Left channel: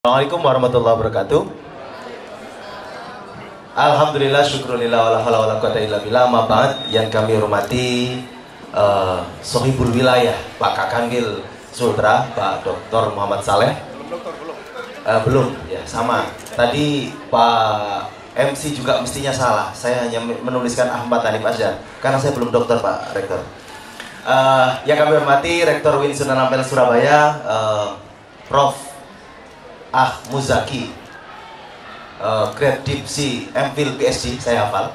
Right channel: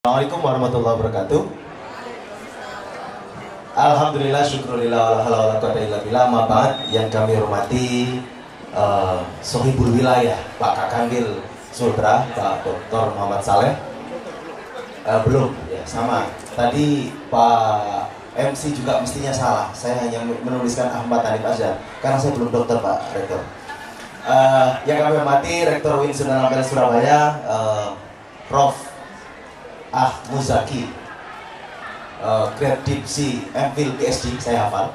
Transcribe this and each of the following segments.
Assalamualaikum warahmatullahi wabarakatuh. Alhamdulillah, syukurillah, wala haula wala quwata illa billah. Ma ba'd, yang kami hormati Sohibul Wilayah Pak Kakangil Sultra, Pak Dr. Muhammad Saleh. Belum, ya sama. Tadi Pak MC juga mestinya salah. Saya hanya menuliskan Ahmad Hanif aja karena saya belum dokter, Pak Rektor. Yang kami hormati Rektor UIN Sunan Ampel Surabaya, Prof. Muzaki, grade Dipsi, MPhil, PhD, saya hafal.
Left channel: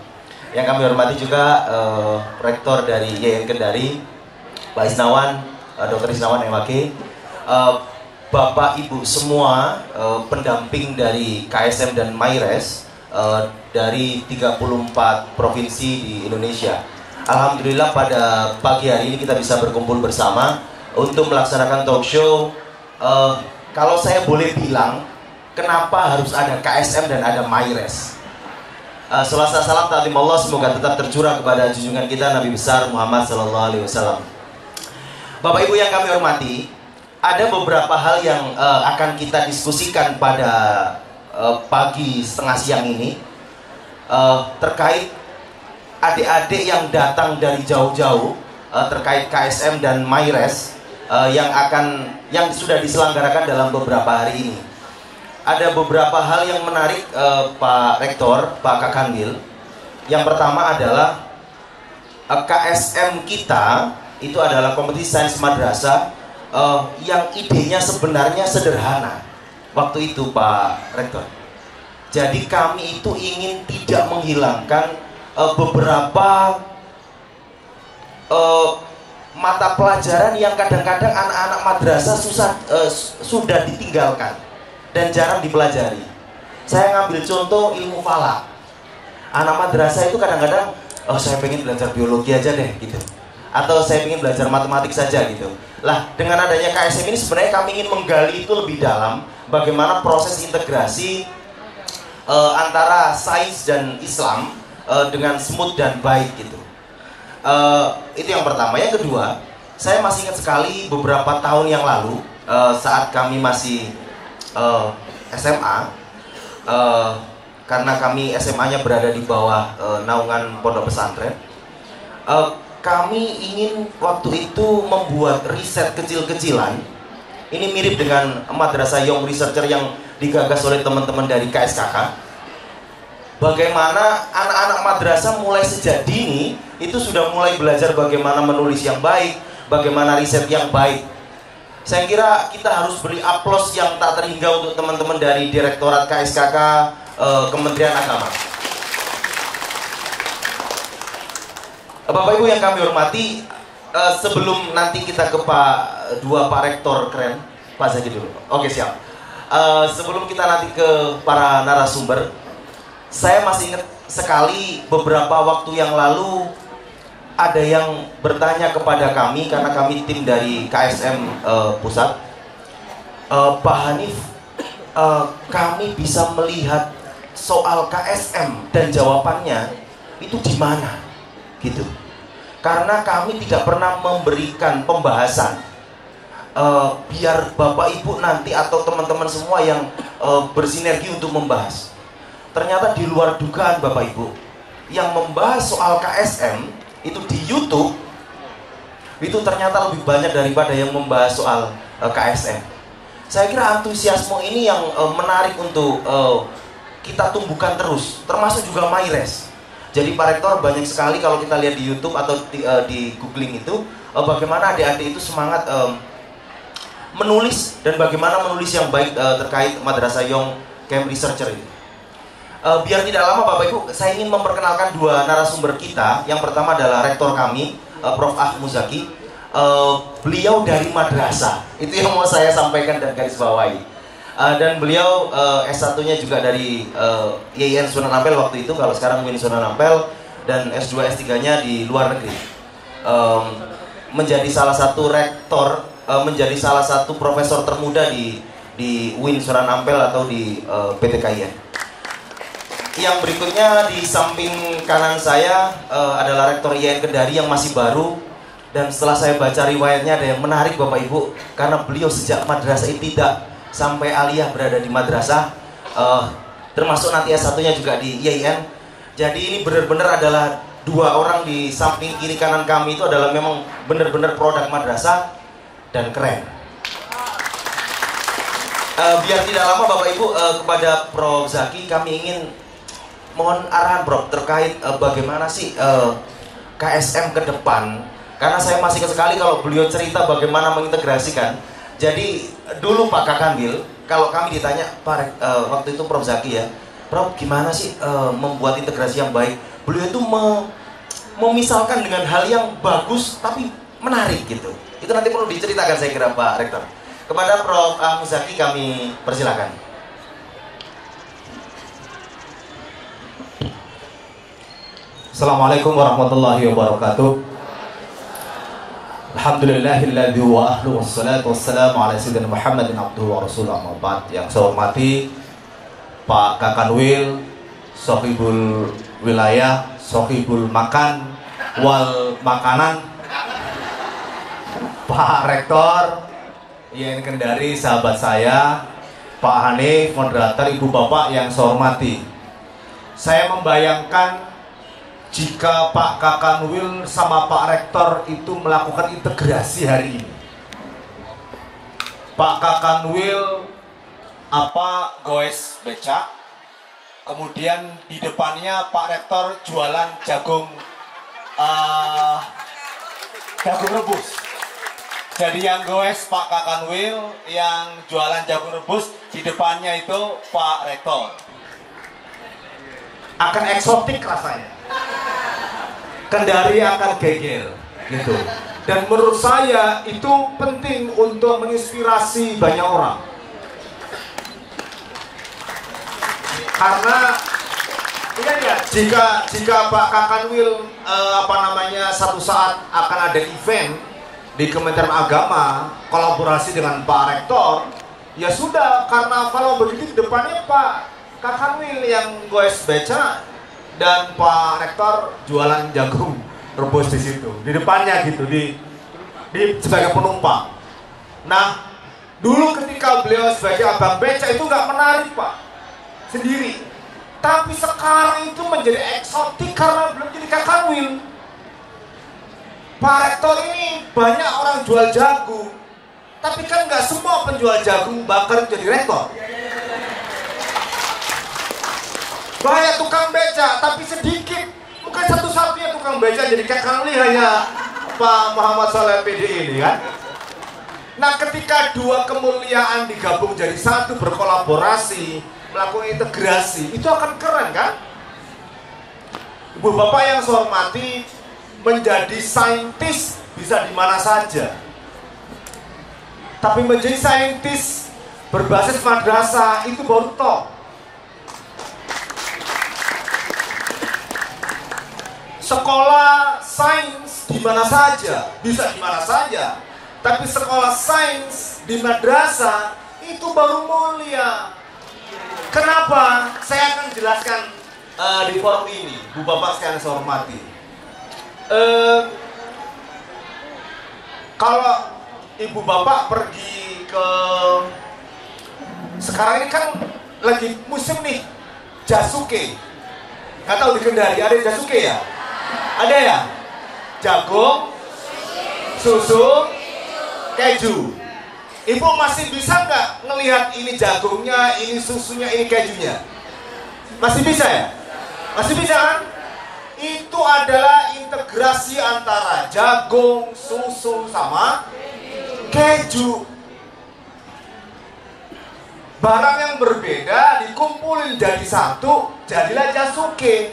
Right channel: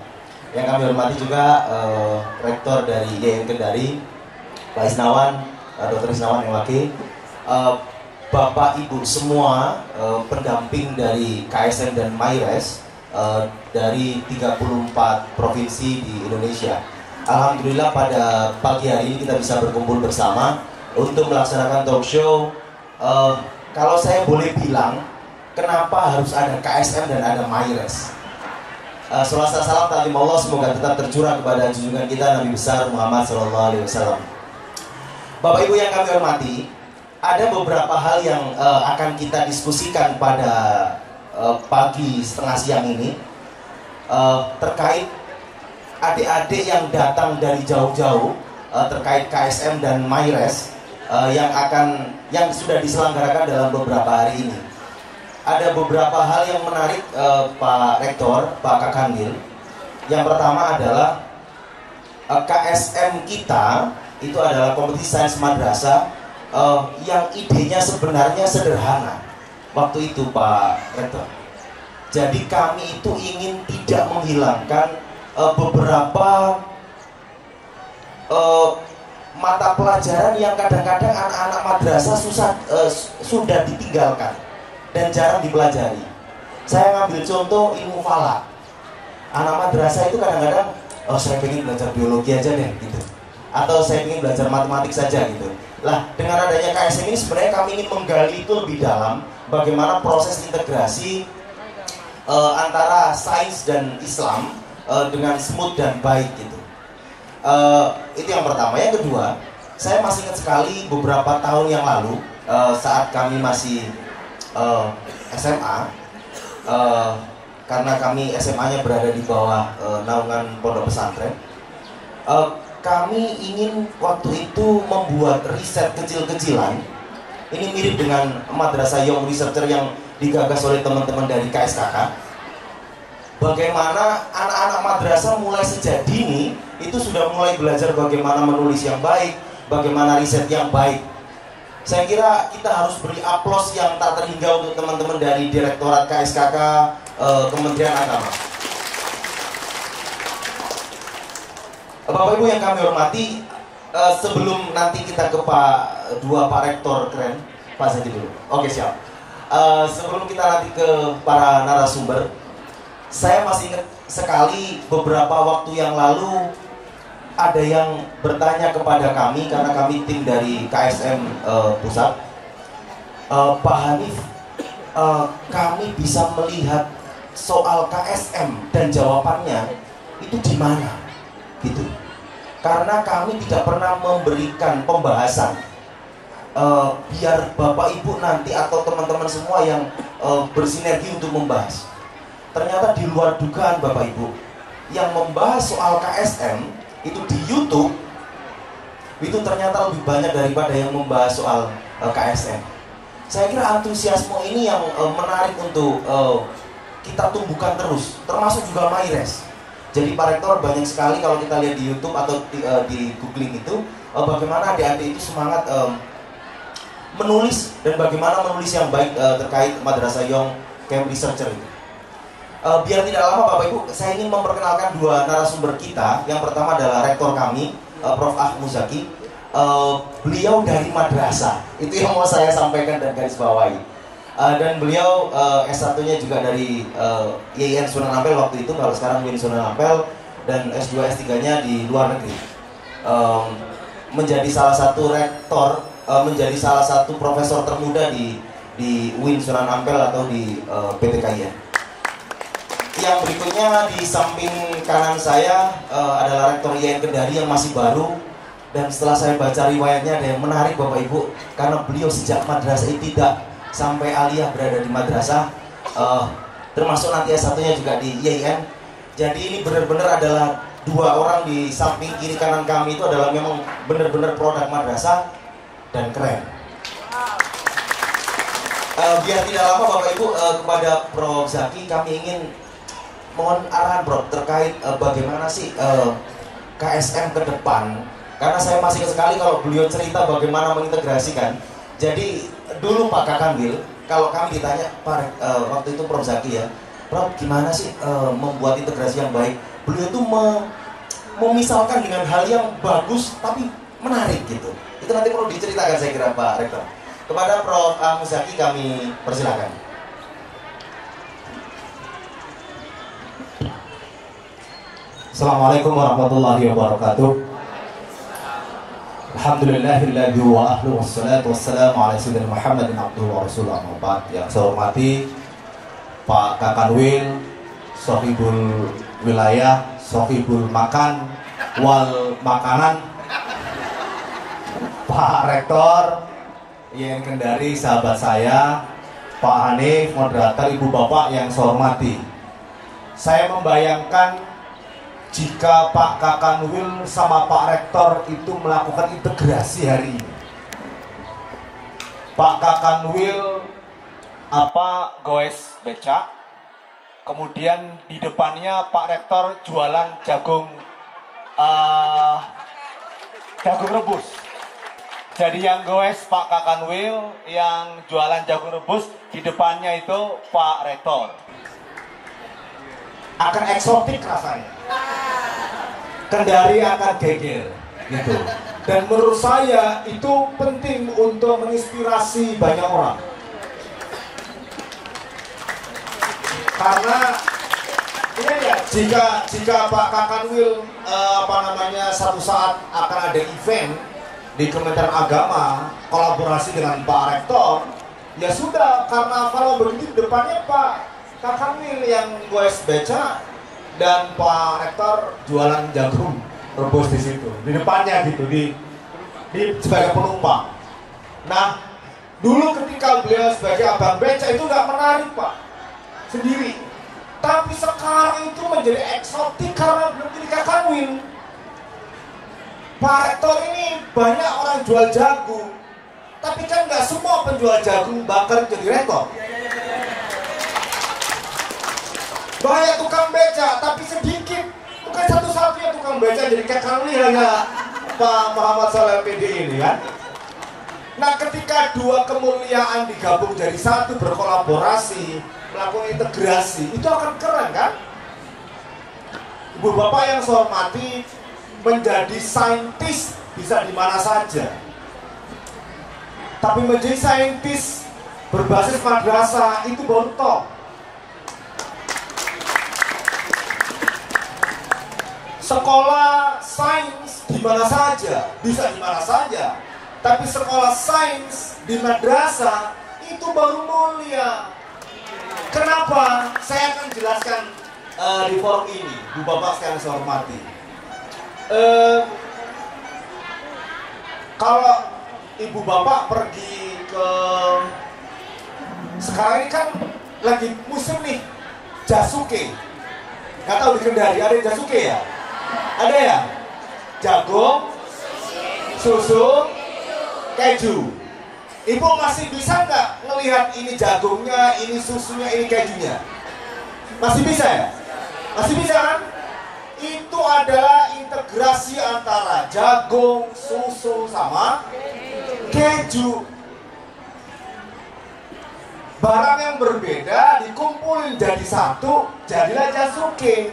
Yang kami hormati juga Rektor dari YN Kendari, Pak Isnawan, Dr. Isnawan MWG, Bapak Ibu semua pendamping dari KSM dan MyRes dari 34 provinsi di Indonesia. Alhamdulillah pada pagi hari ini kita bisa berkumpul bersama untuk melaksanakan talk show. Kalau saya boleh bilang, kenapa harus ada KSM dan ada MyRes? Selasa salam ta'lim Allah semoga tetap tercurah kepada junjungan kita Nabi besar Muhammad SAW. Bapak Ibu yang kami hormati, ada beberapa hal yang akan kita diskusikan pada pagi setengah siang ini terkait adik-adik yang datang dari jauh-jauh terkait KSM dan MyRes yang sudah diselenggarakan dalam beberapa hari ini. Ada beberapa hal yang menarik, Pak Rektor, Pak Kakangil. Yang pertama adalah KSM kita itu adalah kompetisi sains madrasah yang idenya sebenarnya sederhana waktu itu, Pak Rektor. Jadi kami itu ingin tidak menghilangkan beberapa mata pelajaran yang kadang-kadang anak-anak madrasah sudah ditinggalkan dan jarang dipelajari. Saya ngambil contoh ilmu falak. Anak madrasah itu kadang-kadang, saya pengen belajar biologi aja deh gitu, atau saya pengen belajar matematik saja gitu. Lah, dengan adanya KSM ini sebenarnya kami ingin menggali itu lebih dalam, bagaimana proses integrasi antara sains dan Islam dengan smooth dan baik gitu. Itu yang pertama. Yang kedua, saya masih ingat sekali beberapa tahun yang lalu saat kami masih SMA, karena kami SMA-nya berada di bawah naungan pondok pesantren. Kami ingin waktu itu membuat riset kecil-kecilan. Ini mirip dengan Madrasah Young Researcher yang digagas oleh teman-teman dari KSKK. Bagaimana anak-anak madrasah mulai sejak dini itu sudah mulai belajar bagaimana menulis yang baik, bagaimana riset yang baik. Saya kira kita harus beri aplaus yang tak terhingga untuk teman-teman dari Direktorat KSKK, Kementerian Agama. Bapak Ibu yang kami hormati, sebelum nanti kita ke Pak Rektor keren, Pak Zaki dulu. Oke, siap. Sebelum kita nanti ke para narasumber, saya masih ingat sekali beberapa waktu yang lalu ada yang bertanya kepada kami, karena kami tim dari KSM Pusat, Pak Hanif, kami bisa melihat soal KSM dan jawabannya itu di mana gitu. Karena kami tidak pernah memberikan pembahasan, biar Bapak Ibu nanti atau teman-teman semua yang bersinergi untuk membahas. Ternyata di luar dugaan Bapak Ibu, yang membahas soal KSM itu di YouTube itu ternyata lebih banyak daripada yang membahas soal KSM. Saya kira antusiasme ini yang menarik untuk kita tumbuhkan terus, termasuk juga MyRes. Jadi Pak Rektor, banyak sekali kalau kita lihat di YouTube atau di googling itu, bagaimana adik-adik itu semangat menulis dan bagaimana menulis yang baik terkait Madrasah Young Camp Researcher itu. Biar tidak lama Bapak Ibu, saya ingin memperkenalkan dua narasumber kita. Yang pertama adalah rektor kami, Prof. Muzaki. Beliau dari madrasah, itu yang mau saya sampaikan dan garis bawahi. Dan beliau S1-nya juga dari YN Sunan Ampel waktu itu, kalau sekarang UIN Sunan Ampel, dan S2, S3-nya di luar negeri. Menjadi salah satu rektor, menjadi salah satu profesor termuda di UIN Sunan Ampel atau di PTKIN. Yang berikutnya di samping kanan saya adalah Rektor YN Kendari yang masih baru. Dan setelah saya baca riwayatnya ada yang menarik Bapak Ibu, karena beliau sejak madrasah tidak sampai aliyah berada di madrasah, termasuk nanti S1-nya juga di IAIN. Jadi ini benar-benar adalah dua orang di samping kiri kanan kami itu adalah memang benar-benar produk madrasah dan keren. Biar tidak lama Bapak Ibu, kepada Prof Zaki kami ingin mohon arahan Bro terkait bagaimana sih KSM ke depan. Karena saya masih sekali kalau beliau cerita bagaimana mengintegrasikan. Jadi dulu Pak Kakanwil, kalau kami ditanya Pak, waktu itu Prof Zaki ya, Prof gimana sih membuat integrasi yang baik? Beliau itu memisalkan dengan hal yang bagus tapi menarik gitu. Itu nanti perlu diceritakan saya kira Pak Rektor. Kepada Prof Zaki kami persilakan. Assalamualaikum warahmatullahi wabarakatuh. Alhamdulillahilladzi wa ahlu wassalatu wassalamu ala sayyidina Muhammadin abduhu wa rasulullah muhammad. Yang saya hormati Pak Kakanwil, Sohibul Wilayah, Sohibul Makan wal Makanan, Pak Rektor, yang Kendari, sahabat saya, Pak Hanif, moderator, ibu bapak yang saya hormati. Saya membayangkan jika Pak Kakanwil sama Pak Rektor itu melakukan integrasi hari ini. Pak Kakanwil goes becak, kemudian di depannya Pak Rektor jualan jagung rebus. Jadi yang goes Pak Kakanwil, yang jualan jagung rebus, di depannya itu Pak Rektor. Akan eksotik rasanya. Kendari akan geger gitu. Dan menurut saya itu penting untuk menginspirasi banyak orang. Karena ya, jika Pak Kakanwil satu saat akan ada event di Kementerian Agama kolaborasi dengan Pak Rektor, ya sudah, karena kalau begitu di depannya Pak Kakanwil yang goes beca dan Pak Rektor jualan jagung rebus di situ, di depannya gitu, di sebagai penumpang. Nah, dulu ketika beliau sebagai abang beca itu nggak menarik Pak, sendiri. Tapi sekarang itu menjadi eksotik karena belum jadi Kakanwil. Pak Rektor ini banyak orang jual jagung, tapi kan nggak semua penjual jagung bakar jadi rektor. Banyak tukang beca, tapi sedikit. Bukan satu-satunya tukang beca jadi Kakanwil hanya Pak Muhammad Saleh PD ini kan. Nah, ketika dua kemuliaan digabung jadi satu, berkolaborasi, melakukan integrasi, itu akan keren kan? Ibu bapak yang saya hormati, menjadi saintis bisa di mana saja. Tapi menjadi saintis berbasis madrasah itu baru top. Sekolah sains di mana saja, bisa di mana saja. Tapi sekolah sains di madrasah itu baru mulia. Kenapa? Saya akan jelaskan di forum ini, Bu Bapak sekalian saya hormati. Kalau Ibu Bapak pergi ke, sekarang ini kan lagi musim nih jasuke. Nggak tahu di Kendari ada jasuke ya? Ada ya? Jagung, susu, keju. Ibu masih bisa nggak ngelihat ini jagungnya, ini susunya, ini kejunya? Masih bisa ya? Masih bisa kan? Itu adalah integrasi antara jagung, susu, sama keju. Barang yang berbeda dikumpulin jadi satu, jadilah jasuke.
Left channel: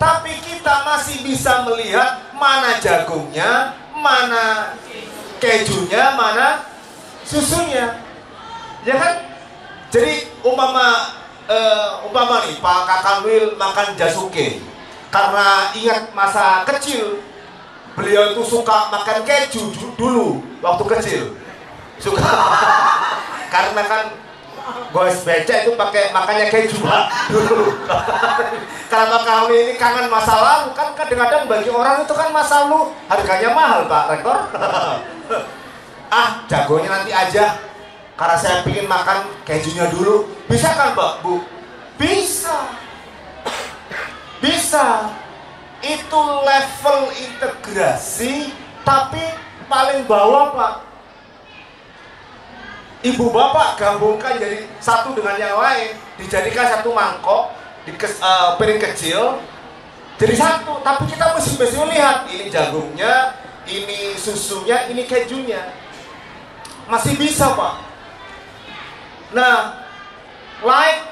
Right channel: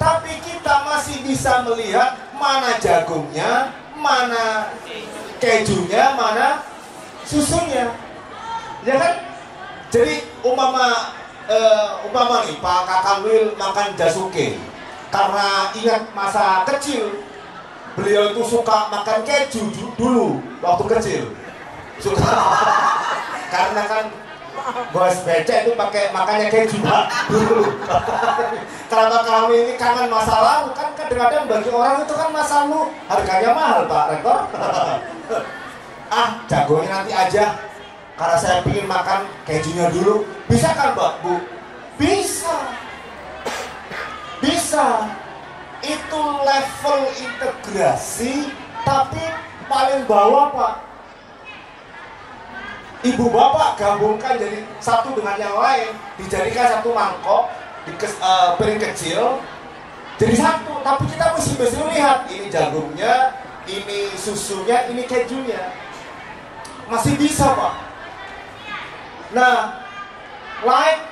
Tapi kita masih bisa melihat mana jagungnya, mana kejunya, mana susunya. Ya kan? Jadi umpama nih Pak Kakanwil makan jasuke karena ingat masa kecil beliau itu suka makan keju dulu waktu kecil. Suka karena kan goes beca itu pakai makannya keju Pak dulu. Kalau kami ini kangen masa lalu, kan kadang-kadang bagi orang itu kan masa lalu harganya mahal Pak Rektor. Ah, jagonya nanti aja. karena saya ingin makan kejunya dulu. Bisa kan Mbak, Bu? Bisa. Bisa. Itu level integrasi, tapi paling bawah Pak. Ibu bapak gabungkan jadi satu dengan yang lain, dijadikan satu mangkok, di piring kecil, jadi satu. Tapi kita mesti lihat, ini jagungnya, ini susunya, ini kejunya. Masih bisa Pak. Nah,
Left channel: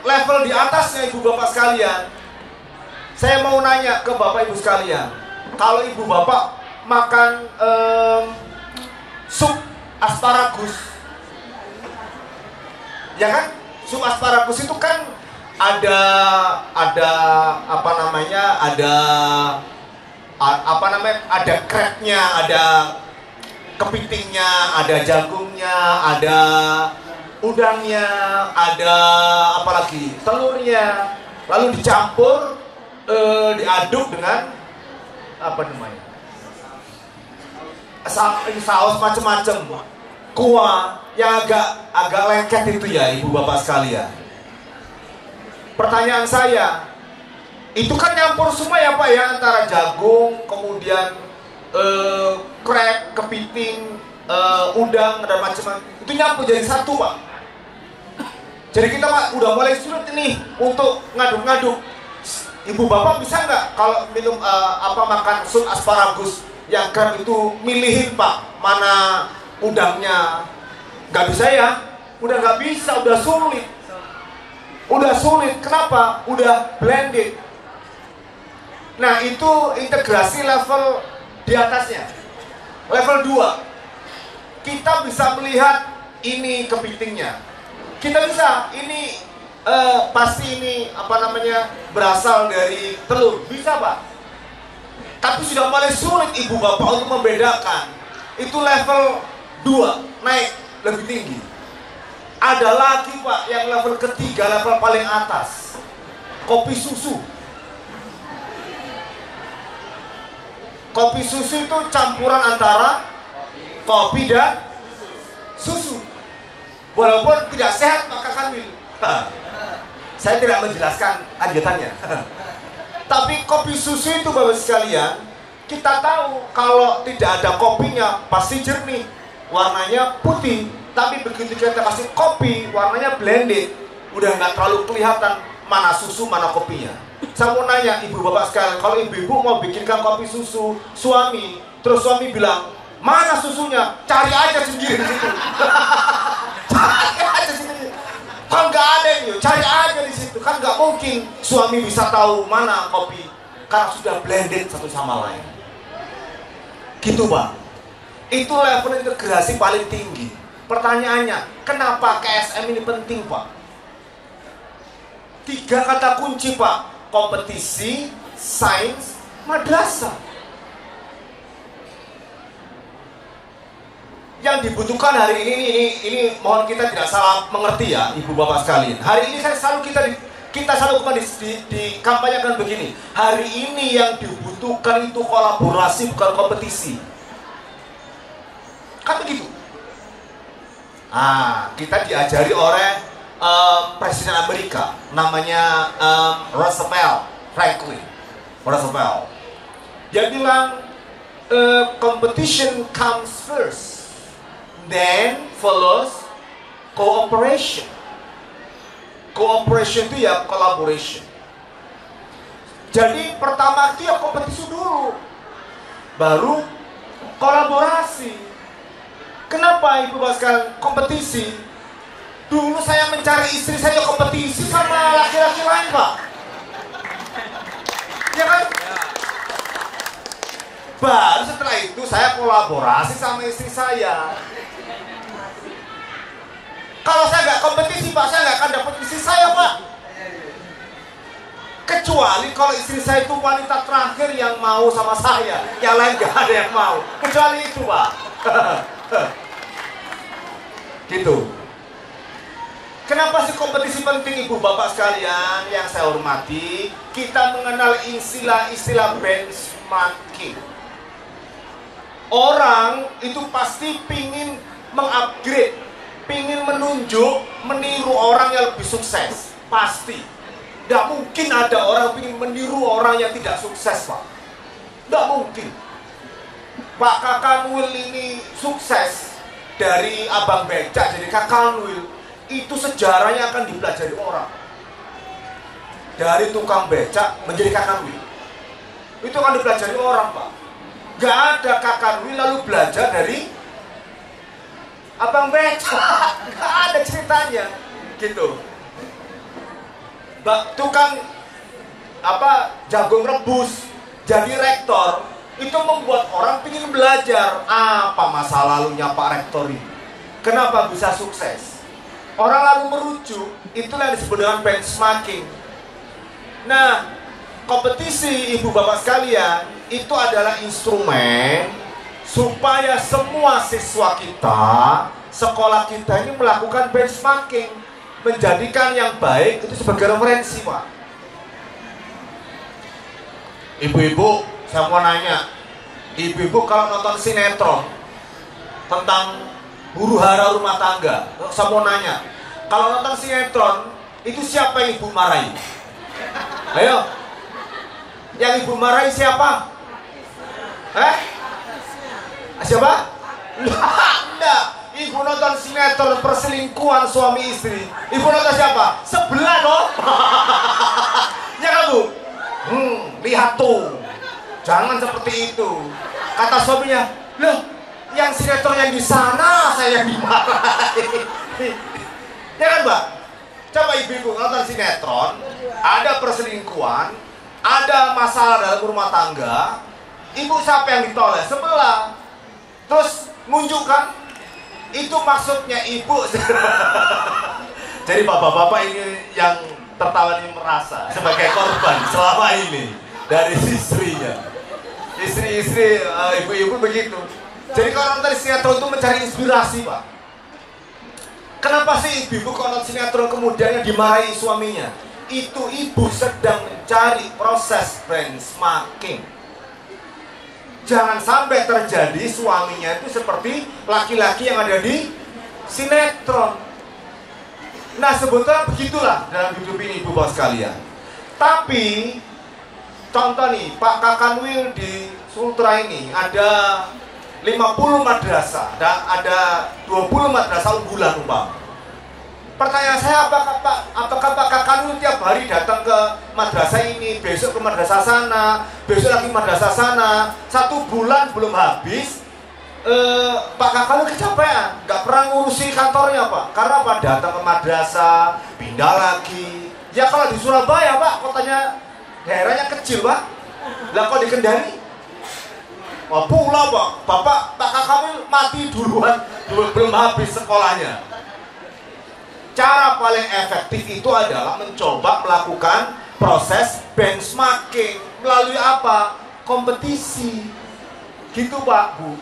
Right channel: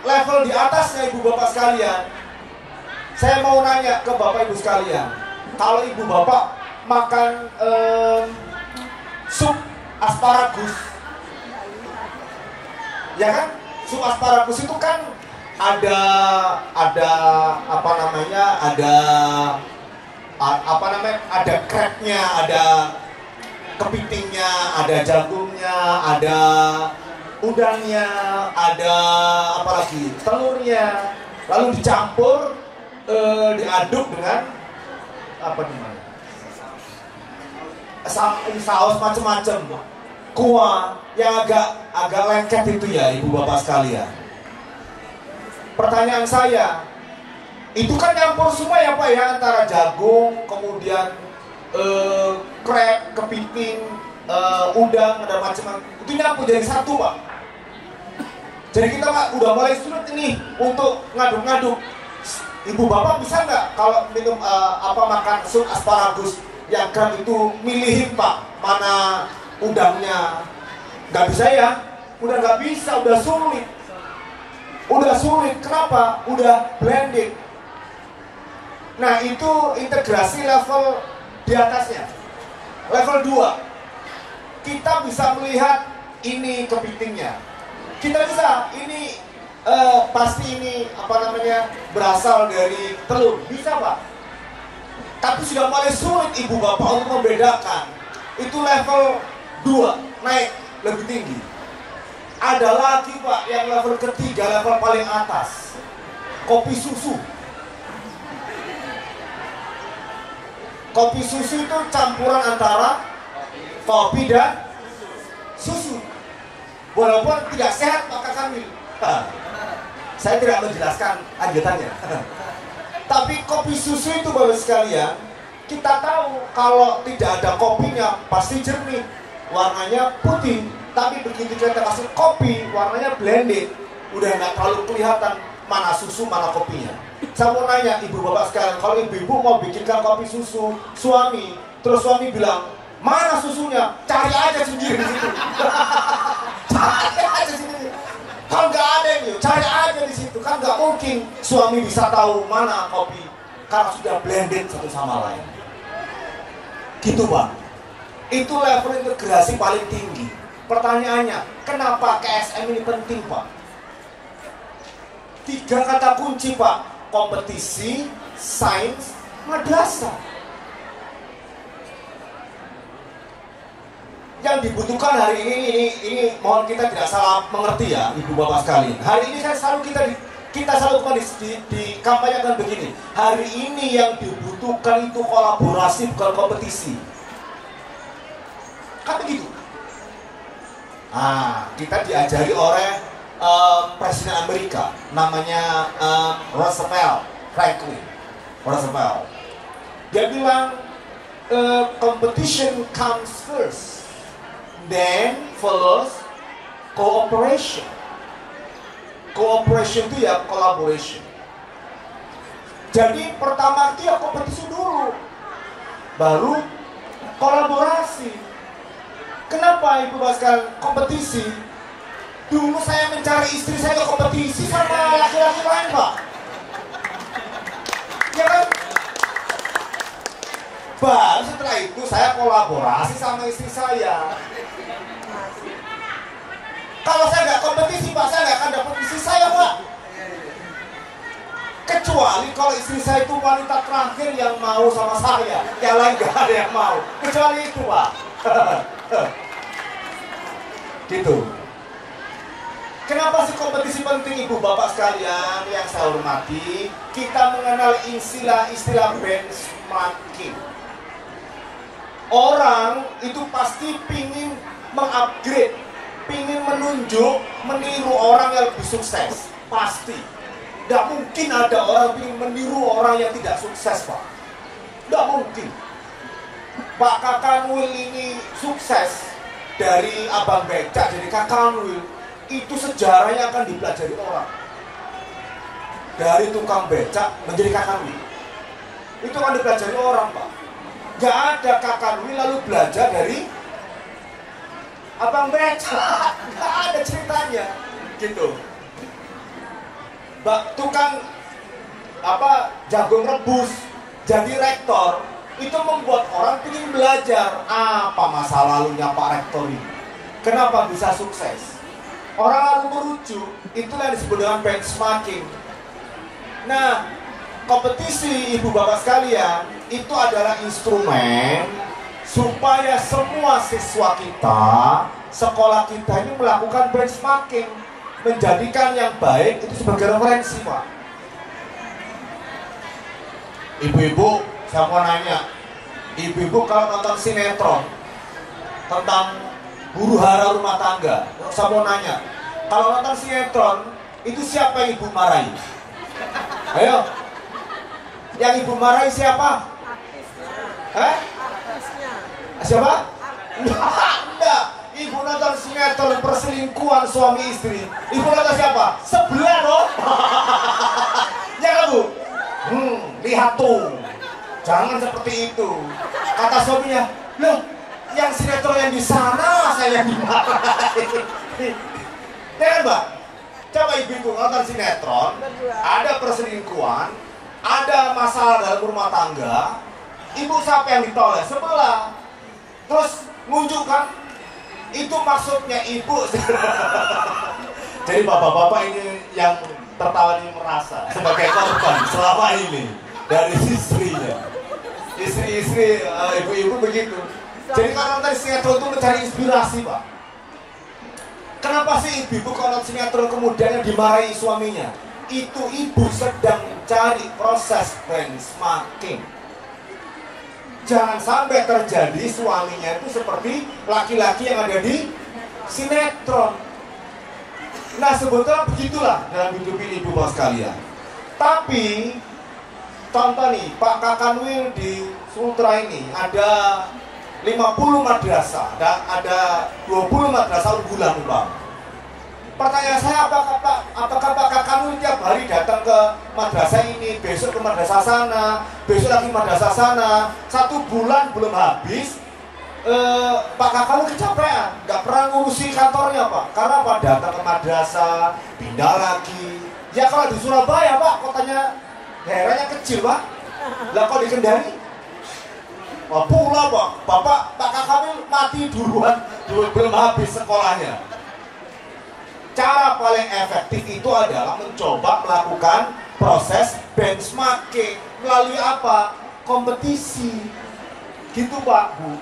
level di atasnya ibu bapak sekalian, saya mau nanya ke bapak ibu sekalian, kalau ibu bapak makan sup asparagus, ya kan, sup asparagus itu kan ada apa namanya, ada crabnya, ada kepitingnya, ada jagungnya, ada udangnya, ada apa lagi, telurnya, lalu dicampur, diaduk dengan apa namanya, saus macam-macam, kuah yang agak lengket itu ya ibu bapak sekalian. Pertanyaan saya, itu kan nyampur semua ya Pak ya, antara jagung, kemudian crab, kepiting, udang, dan macam-macam, itu nyampur jadi satu Pak. Jadi kita Pak udah mulai sulit ini untuk ngaduk-ngaduk. Ibu bapak bisa nggak kalau minum makan sup asparagus yang kan itu milihin Pak mana udangnya? Nggak bisa ya, udah nggak bisa, udah sulit. Kenapa? Udah blended. Nah itu integrasi level di atasnya. Level 2, kita bisa melihat ini kepitingnya. Kita bisa, ini pasti ini apa namanya, berasal dari telur. Bisa Pak. Tapi sudah mulai sulit ibu bapak untuk membedakan. Itu level 2, naik lebih tinggi. Ada lagi Pak yang level ketiga, level paling atas, kopi susu. Kopi susu itu campuran antara kopi dan susu. Walaupun tidak sehat maka kami, saya tidak menjelaskan ajatannya. Tapi kopi susu itu baru sekalian, kita tahu kalau tidak ada kopinya pasti jernih, warnanya putih. Tapi begitu kita kasih kopi, warnanya blended, udah nggak terlalu kelihatan mana susu, mana kopinya. Saya mau nanya ibu bapak sekalian, kalau ibu-ibu mau bikinkan kopi susu suami, terus suami bilang, mana susunya? Cari aja sendiri di situ. Cari aja sendiri. Kan nggak ada ini, cari aja di situ. Kan nggak mungkin suami bisa tahu mana kopi, karena sudah blended satu sama lain. Gitu Pak. Itu level integrasi paling tinggi. Pertanyaannya, kenapa KSM ini penting Pak? 3 kata kunci Pak: kompetisi, sains, madrasah. Yang dibutuhkan hari ini mohon kita tidak salah mengerti ya ibu bapak sekalian. Hari ini kan selalu kita selalu dikampanyekan begini. Hari ini yang dibutuhkan itu kolaborasi, bukan kompetisi. Kan begitu. Kita diajari oleh Presiden Amerika, namanya Franklin Roosevelt. Dia bilang competition comes first, then follows cooperation. Cooperation itu ya collaboration. Jadi pertama dia kompetisi dulu, baru kolaborasi. Kenapa ibu bapak sekalian kompetisi? Dulu saya mencari istri saya kompetisi sama laki-laki lain Pak. Ya kan? Baru setelah itu saya kolaborasi sama istri saya. Kalau saya nggak kompetisi Pak, saya nggak akan dapat istri saya Pak. Kecuali kalau istri saya itu wanita terakhir yang mau sama saya, yang lain nggak ada yang mau. Kecuali itu Pak. Gitu. Kenapa sih kompetisi penting ibu bapak sekalian yang saya hormati? Kita mengenal istilah benchmarking. Orang itu pasti pingin mengupgrade pingin menunjuk, meniru orang yang lebih sukses. Pasti. Tidak mungkin ada orang pingin meniru orang yang tidak sukses, Pak. Tidak mungkin. Pak Kakanwil ini sukses dari abang becak jadi Kakanwil. Itu sejarahnya akan dipelajari orang. Dari tukang becak menjadi Kakanwil. Itu akan dipelajari orang, Pak. Gak ada Kakanwil lalu belajar dari abang becak. Gak ada ceritanya. Gitu. Tukang jagung rebus jadi rektor itu membuat orang ingin belajar apa masa lalunya Pak Rektor ini, kenapa bisa sukses. Orang lalu merujuk, itulah yang disebut dengan benchmarking. Nah, kompetisi ibu bapak sekalian itu adalah instrumen supaya semua siswa kita, sekolah kita ini melakukan benchmarking, menjadikan yang baik itu sebagai referensi, Pak. Ibu-ibu, saya mau nanya, ibu-ibu kalau nonton sinetron tentang huru hara rumah tangga, saya mau nanya, kalau nonton sinetron itu siapa yang ibu marahi? Ayo, yang ibu marahi siapa? Siapa? Enggak. Ibu nonton sinetron perselingkuhan suami istri. Ibu nonton siapa? Sebelah dong. Ya kan, Bu? Lihat tuh. Jangan seperti itu. Kata suaminya, loh, yang sinetron yang di sana saya yang dimarahi. Ya kan, Mbak? Coba ibu-ibu nonton sinetron, ada perselingkuhan, ada masalah dalam rumah tangga. Ibu siapa yang ditolak? Sebelah. Terus menunjukkan itu maksudnya ibu. Jadi bapak-bapak ini yang tertawa ini merasa sebagai korban selama ini dari istrinya. Istri-istri, ibu-ibu begitu. Jadi kalau nonton sinetron itu mencari inspirasi, Pak. Kenapa sih ibu-ibu kalau nonton sinetron kemudian dimarahi suaminya? Itu ibu sedang mencari proses benchmarking. Jangan sampai terjadi suaminya itu seperti laki-laki yang ada di sinetron. Nah, sebetulnya begitulah dalam hidup ini ibu bapak sekalian. Tapi contoh nih, Pak Kakanwil di Sultra ini ada 50 madrasah dan ada 20 madrasah unggulan, Pak. Pertanyaan saya, apakah Pak Kakanwil tiap hari datang ke madrasah ini, besok ke madrasah sana, besok lagi madrasah sana, 1 bulan belum habis, Pak Kakanwil kecapean, nggak pernah ngurusi kantornya, Pak. Karena Pak datang ke madrasah, pindah lagi. Ya kalau di Surabaya, Pak, kotanya daerahnya kecil, Pak. Lah kok di Kendari? Wah, pulau, Pak. Pak Kakanwil mati duluan, belum habis sekolahnya. Cara paling efektif itu adalah mencoba melakukan proses benchmarking. Melalui apa? Kompetisi. Gitu, Pak, Bu.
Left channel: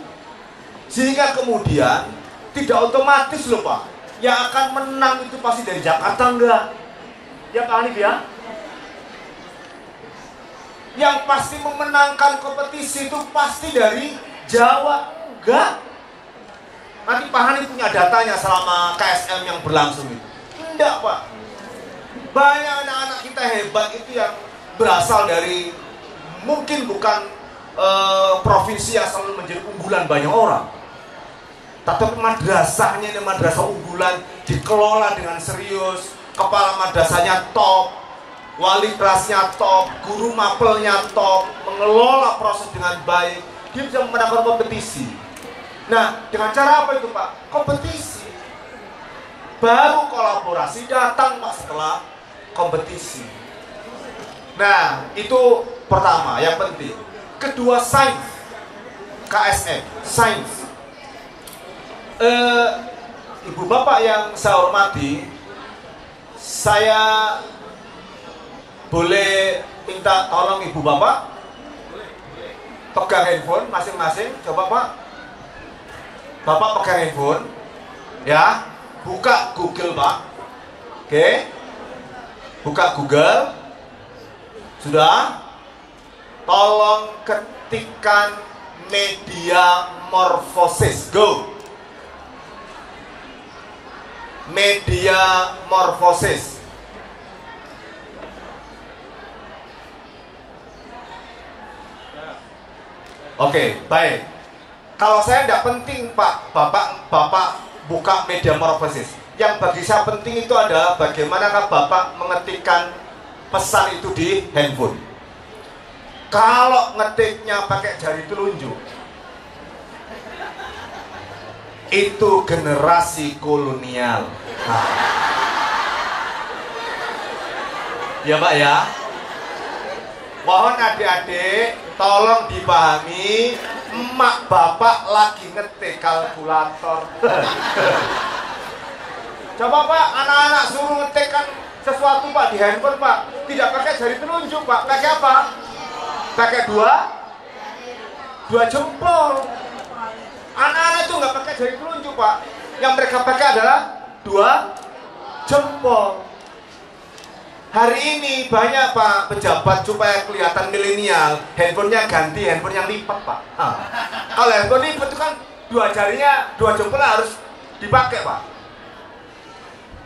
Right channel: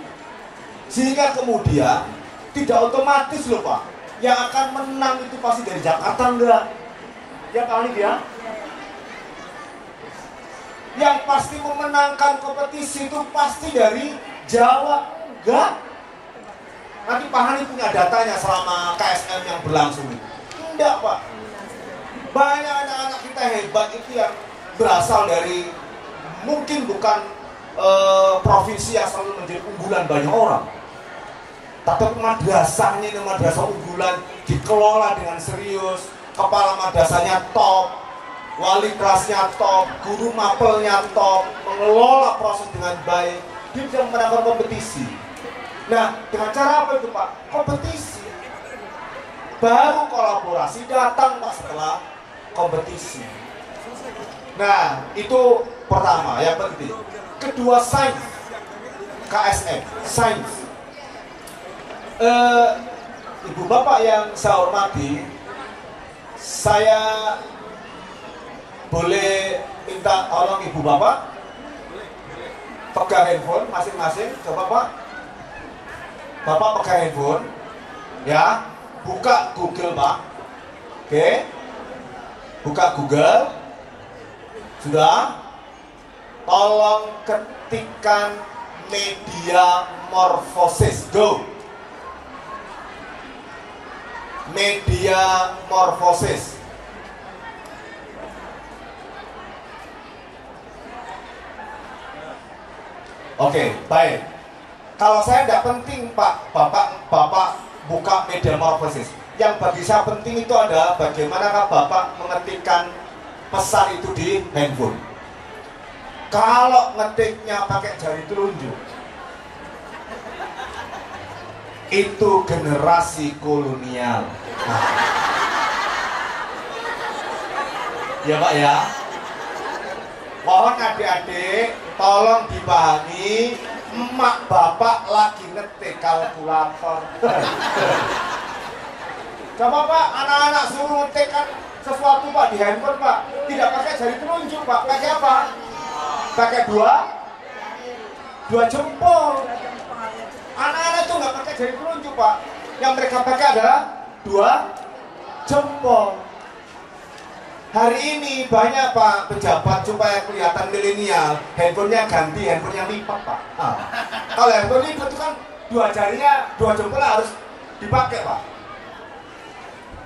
Sehingga kemudian tidak otomatis loh, Pak. Yang akan menang itu pasti dari Jakarta enggak? Ya, Pak Hanif ya? Yang pasti memenangkan kompetisi itu pasti dari Jawa enggak? Nanti Pak Hanif punya datanya selama KSM yang berlangsung itu. Tidak, Pak. Banyak anak-anak kita hebat itu yang berasal dari mungkin bukan provinsi yang selalu menjadi unggulan banyak orang. Tapi madrasahnya ini madrasah unggulan, dikelola dengan serius, kepala madrasahnya top, wali kelasnya top, guru mapelnya top, mengelola proses dengan baik, dia bisa memenangkan kompetisi. Nah, dengan cara apa itu, Pak? Kompetisi. Baru kolaborasi datang, Pak, setelah kompetisi. Nah, itu pertama, yang penting. Kedua, sains. KSM, sains. Ibu bapak yang saya hormati, saya boleh minta tolong ibu bapak? Pegang handphone masing-masing, coba, Pak. Bapak pegang handphone, ya, buka Google, Pak. Oke, buka Google. Sudah? Tolong ketikkan media morfosis. Go. media morfosis. Oke, baik. Kalau saya tidak penting Pak, Bapak buka media morfosis. Yang bagi saya penting itu adalah bagaimanakah Bapak mengetikkan pesan itu di handphone. Kalau ngetiknya pakai jari telunjuk, itu generasi kolonial. Nah. Ya Pak ya. Mohon adik-adik tolong dipahami, emak bapak lagi ngetik kalkulator. Coba Pak, anak-anak suruh ngetikkan sesuatu Pak di handphone Pak, tidak pakai jari telunjuk Pak, pakai apa? Pakai dua jempol. Anak-anak itu nggak pakai jari telunjuk Pak, yang mereka pakai adalah dua jempol. Hari ini banyak Pak pejabat supaya kelihatan milenial, handphonenya ganti handphone yang lipat Pak. Kalau handphone lipat itu kan dua jarinya, dua jempolnya harus dipakai Pak.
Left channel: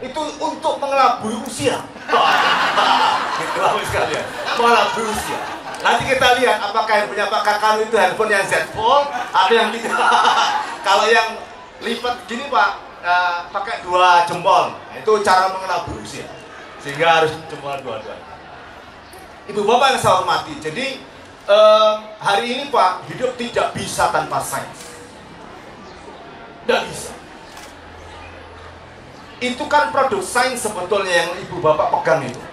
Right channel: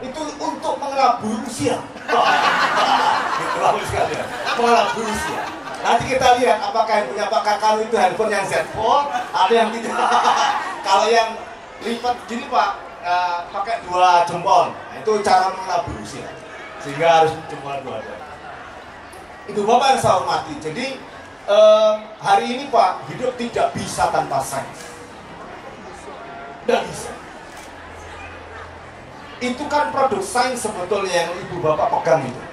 Itu untuk mengelabui usia. Mengelabui usia. Nanti kita lihat apakah handphonenya Pak Kakak itu handphone yang Z Fold atau yang tidak. Kalau yang lipat gini Pak, pakai dua jempol, itu cara mengelabui usia. Sehingga harus jempol dua-dua. Itu Bapak yang saya hormati. Jadi hari ini Pak, hidup tidak bisa tanpa sains. Tidak bisa. Itu kan produk sains sebetulnya yang Ibu Bapak pegang itu.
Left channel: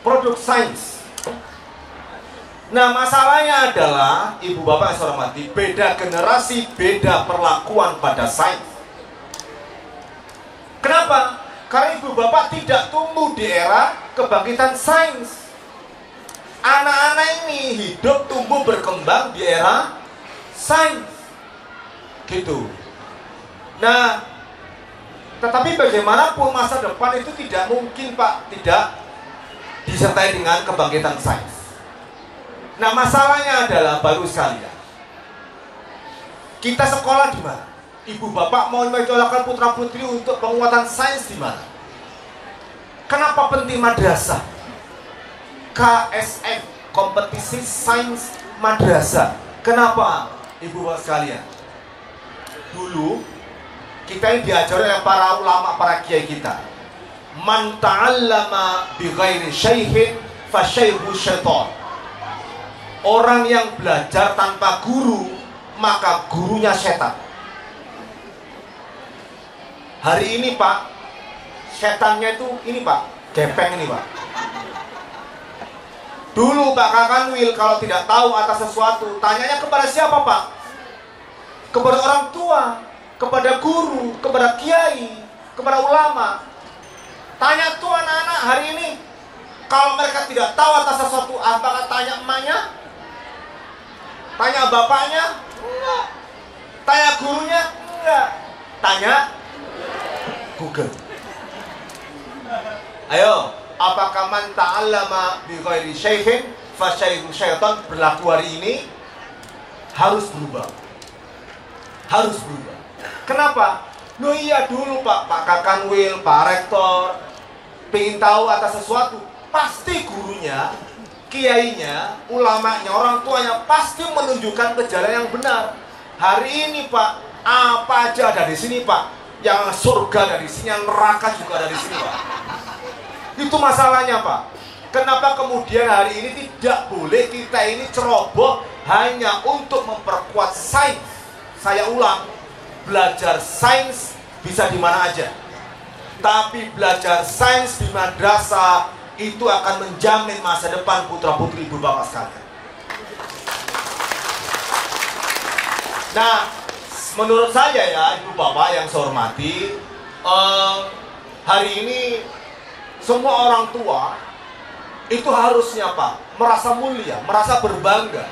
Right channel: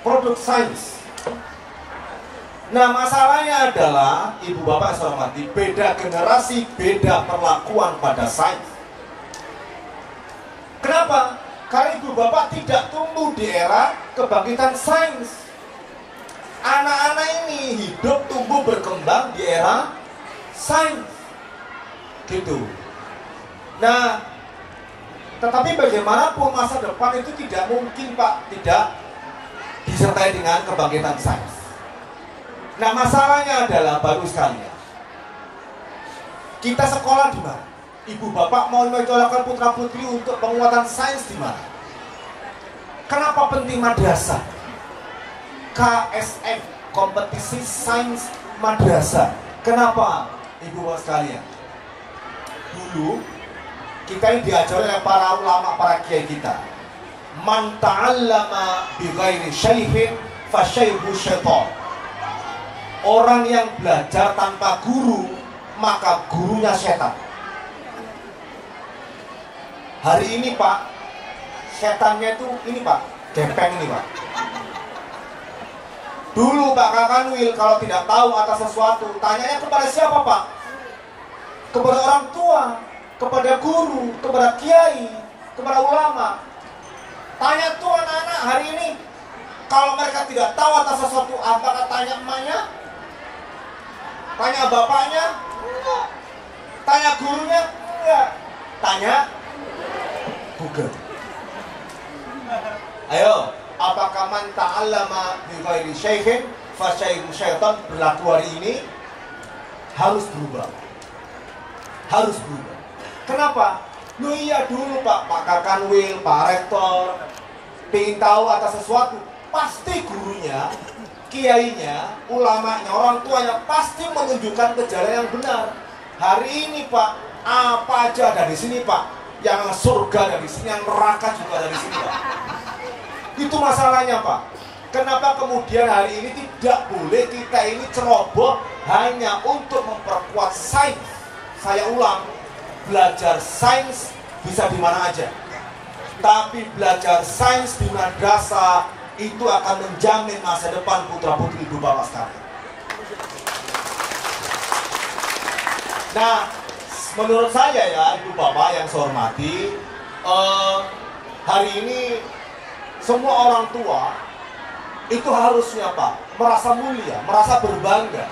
Produk sains. Nah masalahnya adalah Ibu Bapak yang saya hormati, beda generasi, beda perlakuan pada sains. Kenapa? Karena Ibu Bapak tidak tumbuh di era kebangkitan sains. Anak-anak ini hidup tumbuh berkembang di era sains. Gitu. Nah, tetapi bagaimanapun masa depan itu tidak mungkin Pak tidak disertai dengan kebangkitan sains. Nah, masalahnya adalah baru sekalian. Kita sekolah di mana? Ibu Bapak mau mencolokkan putra putri untuk penguatan sains di mana? Kenapa penting madrasah? KSF, kompetisi sains madrasah. Kenapa Ibu Bapak sekalian? Dulu kita ini diajar oleh para ulama, para kiai kita. Man ta'allama bi ghairi syaihin fa syaihu syaitan. Orang yang belajar tanpa guru, maka gurunya setan. Hari ini Pak, setannya itu ini Pak, gepeng ini Pak. Dulu Pak Kakanwil kalau tidak tahu atas sesuatu, tanyanya kepada siapa Pak? Kepada orang tua, kepada guru, kepada kiai, kepada ulama. Tanya tuh anak-anak hari ini, kalau mereka tidak tahu atas sesuatu, antara tanya emaknya, tanya bapaknya, enggak. Tanya gurunya, enggak. Tanya Google. Ayo, apakah man ta'allama bi ghairi syaihin fa syaihu syaitan berlaku hari ini? Harus berubah. Harus berubah. Kenapa? Loh iya dulu Pak Kakanwil, Pak Rektor pengen tahu atas sesuatu, pasti gurunya, kiainya, ulamanya, orang tuanya pasti menunjukkan ke jalan yang benar. Hari ini Pak, apa aja ada di sini Pak. Yang surga dari sini, yang neraka juga dari sini Pak. Itu masalahnya Pak. Kenapa kemudian hari ini tidak boleh kita ini ceroboh hanya untuk memperkuat sains? Saya ulang, belajar sains bisa di mana aja. Tapi belajar sains di madrasah itu akan menjamin masa depan putra-putri Ibu Bapak sekalian. Nah, menurut saya ya Ibu Bapak yang saya hormati, hari ini semua orang tua itu harusnya Pak merasa mulia, merasa berbangga,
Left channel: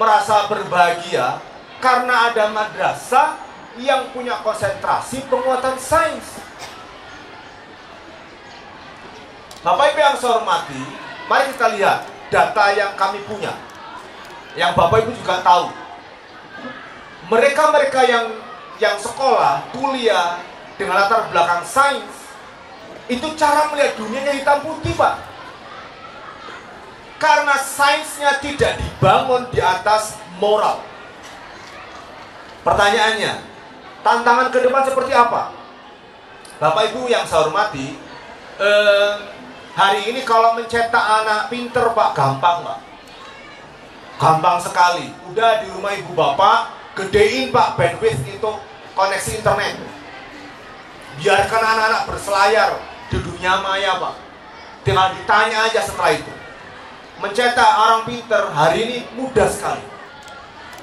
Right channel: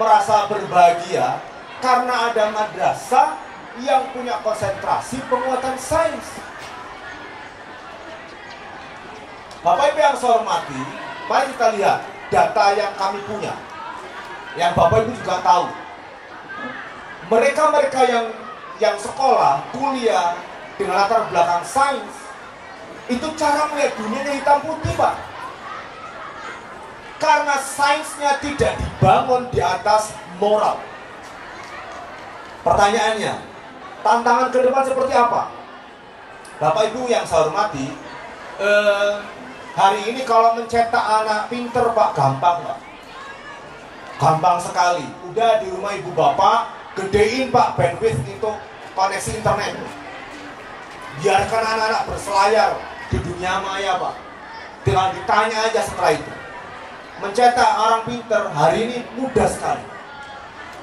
merasa berbahagia karena ada madrasah yang punya konsentrasi penguatan sains. Bapak Ibu yang saya hormati, mari kita lihat data yang kami punya, yang Bapak Ibu juga tahu. Mereka-mereka yang sekolah, kuliah dengan latar belakang sains, itu cara melihat dunianya hitam putih, Pak. Karena sainsnya tidak dibangun di atas moral. Pertanyaannya, tantangan ke depan seperti apa? Bapak Ibu yang saya hormati, hari ini kalau mencetak anak pinter, Pak, gampang, Pak. Gampang sekali. Udah di rumah ibu bapak, gedein, Pak, bandwidth untuk koneksi internet. Biarkan anak-anak berselayar di dunia maya, Pak. Tinggal ditanya aja setelah itu. Mencetak orang pinter hari ini mudah sekali.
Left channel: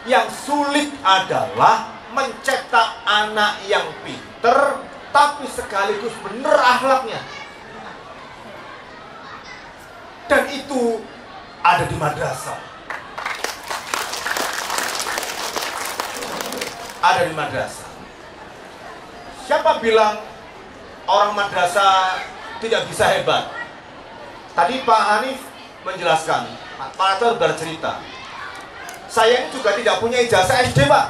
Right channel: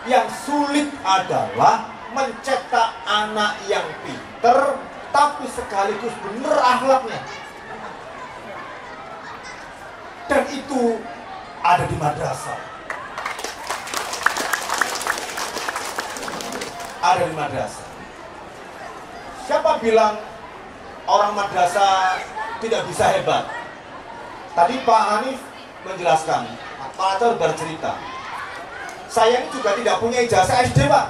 Yang sulit adalah mencetak anak yang pinter tapi sekaligus bener akhlaknya. Dan itu ada di madrasah. Ada di madrasah. Siapa bilang orang madrasah tidak bisa hebat? Tadi Pak Hanif menjelaskan, Pak Atal bercerita, saya ini juga tidak punya ijazah SD, Pak.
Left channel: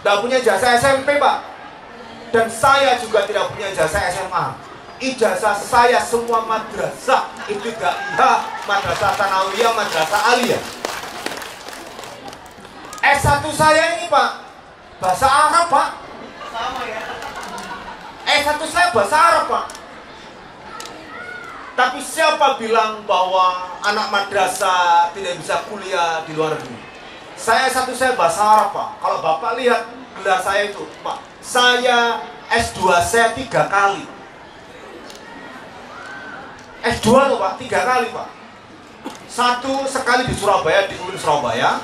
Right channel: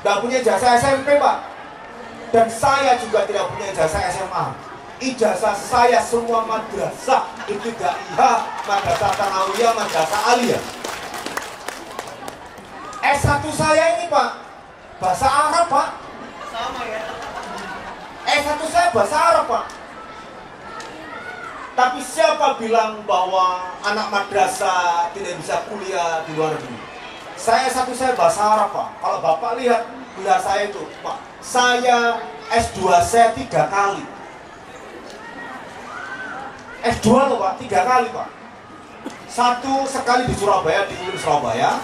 Tidak punya ijazah SMP, Pak. Dan saya juga tidak punya ijazah SMA. Ijazah saya semua madrasah, ibtidaiyah, madrasah tsanawiyah, madrasah aliyah. S1 saya ini, Pak, bahasa Arab, Pak. Sama ya. S1 saya bahasa Arab, Pak. Tapi siapa bilang bahwa anak madrasah tidak bisa kuliah di luar negeri? Saya S1 saya bahasa Arab, Pak. Kalau Bapak lihat gelar saya itu, Pak, saya S2 saya 3 kali. S2 loh, Pak, 3 kali, Pak. Satu sekali di Surabaya, di UIN Surabaya.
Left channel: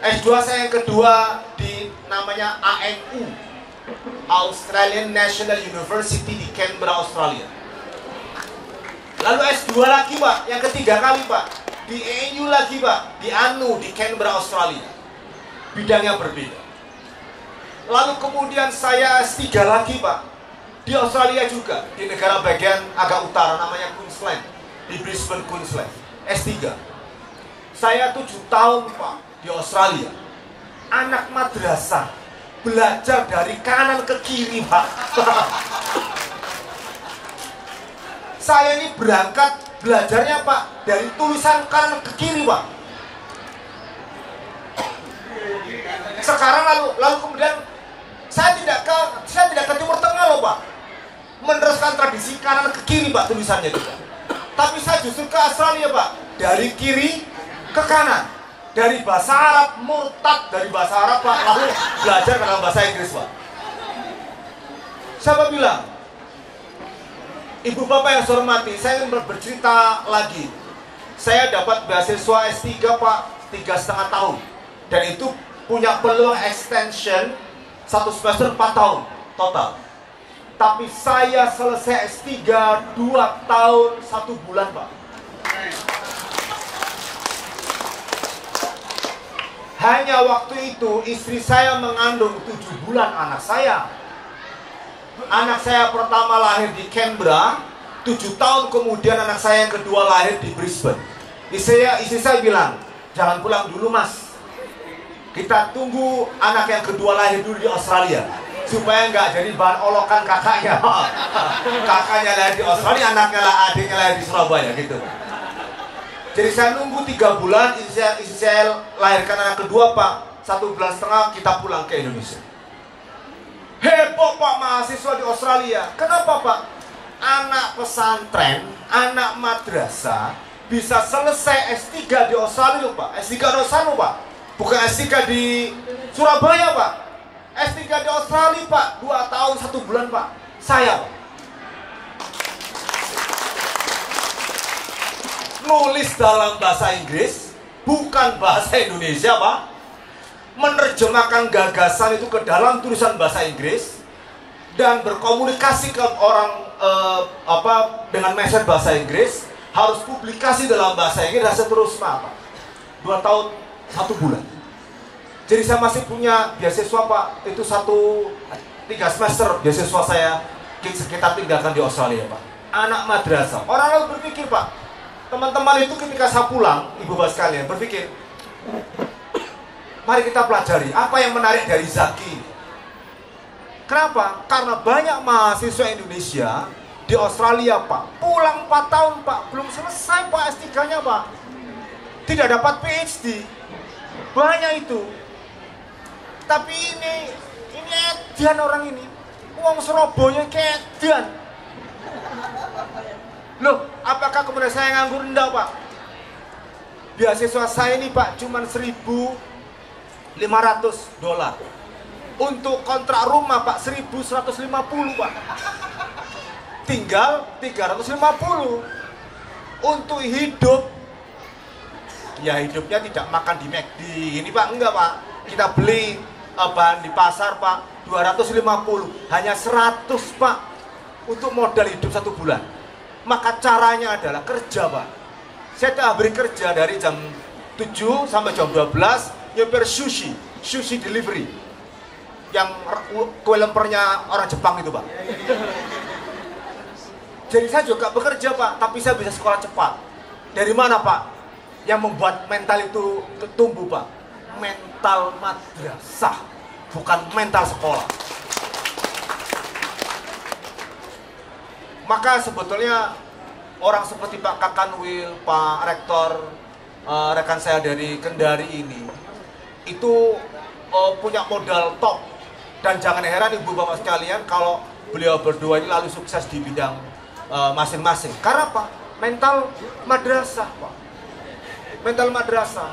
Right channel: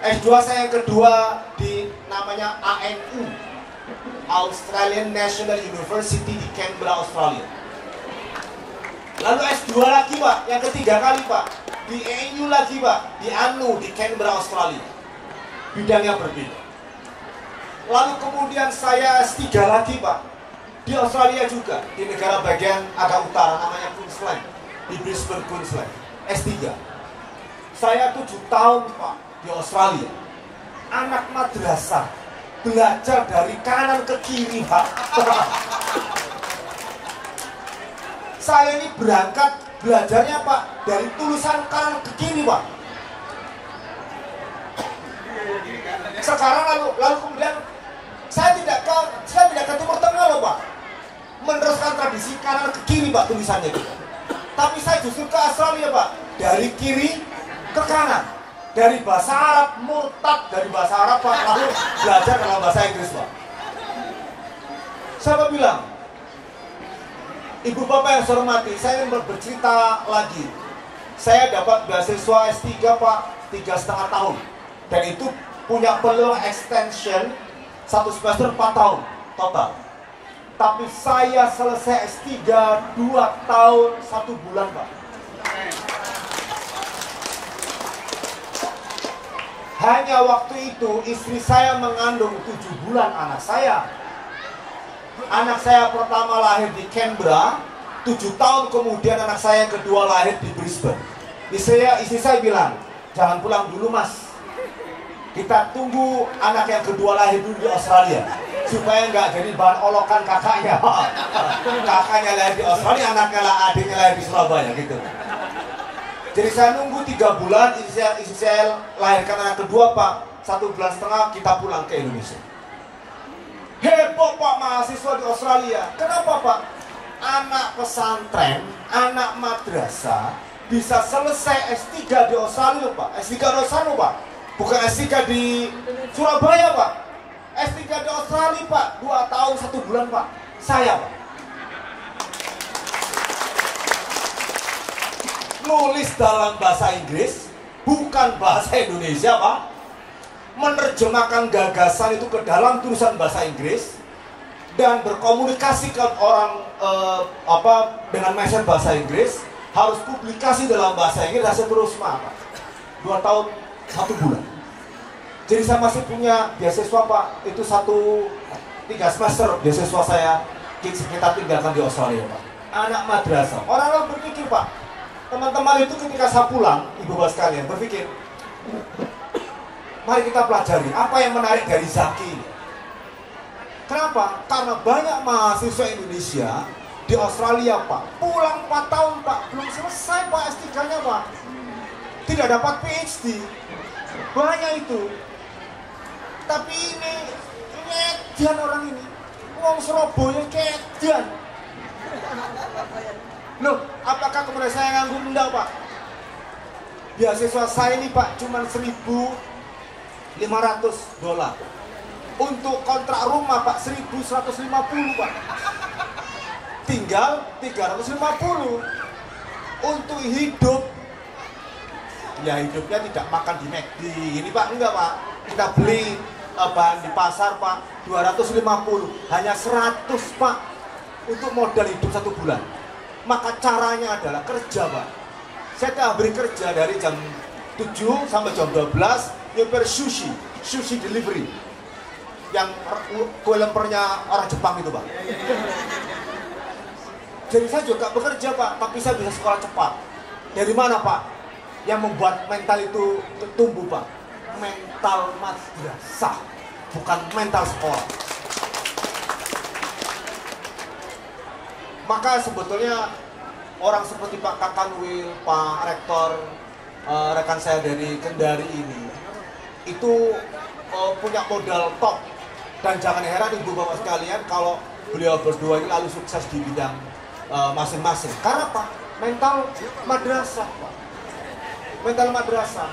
S2 saya yang kedua di namanya ANU, Australian National University di Canberra, Australia. Lalu S2 lagi, Pak, yang ketiga kali, Pak, di ANU lagi, Pak, di ANU di Canberra, Australia. Bidangnya berbeda. Lalu kemudian saya S3 lagi, Pak, di Australia juga, di negara bagian agak utara namanya Queensland, di Brisbane, Queensland. S3. Saya 7 tahun, Pak, di Australia. Anak madrasah belajar dari kanan ke kiri, Pak. Saya ini berangkat belajarnya, Pak, dari tulisan kanan ke kiri, Pak. Sekarang lalu kemudian saya tidak ke Timur Tengah loh, Pak, meneruskan tradisi kanan ke kiri, Pak, tulisannya juga. Tapi saya justru ke Australia, Pak, dari kiri ke kanan, dari bahasa Arab murtad dari bahasa Arab, Pak, lalu belajar dalam bahasa Inggris, Pak. Siapa bilang? Ibu bapak yang saya hormati, saya ingin bercerita lagi. Saya dapat beasiswa S3, Pak, 3,5 tahun. Dan itu punya peluang extension 1 semester 4 tahun total. Tapi saya selesai S3 2 tahun 1 bulan, Pak. Hanya waktu itu istri saya mengandung 7 bulan anak saya. Anak saya pertama lahir di Canberra, 7 tahun kemudian anak saya yang kedua lahir di Brisbane. Istri saya bilang, jangan pulang dulu, Mas. Kita tunggu anak yang kedua lahir dulu di Australia, supaya nggak jadi bahan olokan kakaknya. Kakaknya lahir di Australia, anaknya adiknya lahir di Surabaya, gitu. Jadi saya nunggu 3 bulan, istri saya lahirkan anak kedua, Pak. 1,5 bulan kita pulang ke Indonesia. Heboh, Pak, mahasiswa di Australia. Kenapa, Pak? Anak pesantren, anak madrasah bisa selesai S3 di Australia, Pak. S3 di Australia, Pak. Bukan S3 di Surabaya, Pak. S3 di Australia, Pak. 2 tahun 1 bulan, Pak. Saya, Pak. Nulis dalam bahasa Inggris, bukan bahasa Indonesia, Pak. Menerjemahkan gagasan itu ke dalam tulisan bahasa Inggris dan berkomunikasi ke orang dengan message bahasa Inggris, harus publikasi dalam bahasa Inggris dan seterusnya, Pak. 2 tahun 1 bulan. Jadi saya masih punya beasiswa, Pak. Itu 3 semester beasiswa saya kita tinggalkan di Australia, Pak. Anak madrasah. Orang berpikir, Pak, teman-teman itu ketika saya pulang, ibu bapak sekalian, berpikir, mari kita pelajari apa yang menarik dari Zaki. Kenapa? Karena banyak mahasiswa Indonesia di Australia, Pak, pulang 4 tahun, Pak, belum selesai, Pak, S3-nya, Pak. Tidak dapat PhD. Banyak itu. Tapi ini edian orang ini. Uang Surabaya kedian. Loh, apakah kemudian saya nganggur? Enggak, Pak. Beasiswa saya ini, Pak, cuma $1.500. Untuk kontrak rumah, Pak, 1.150, Pak. Tinggal 350. Untuk hidup, ya hidupnya tidak makan di McD. Ini, Pak, enggak, Pak. Kita beli bahan di pasar, Pak, 250. Hanya 100, Pak, untuk modal hidup 1 bulan. Maka caranya adalah kerja, Pak. Saya telah beri kerja dari jam 7 sampai jam 12, nyeper sushi delivery. Yang kue lempernya orang Jepang itu, Pak. Jadi saya juga bekerja, Pak, tapi saya bisa sekolah cepat. Dari mana, Pak? Yang membuat mental itu tumbuh, Pak? Mental madrasah, bukan mental sekolah. Maka sebetulnya orang seperti Pak Kakanwil, Pak Rektor, rekan saya dari Kendari ini, itu punya modal top. Dan jangan heran ibu bapak sekalian kalau beliau berdua ini lalu sukses di bidang masing-masing. Karena apa? Mental madrasah, Pak. Mental madrasah.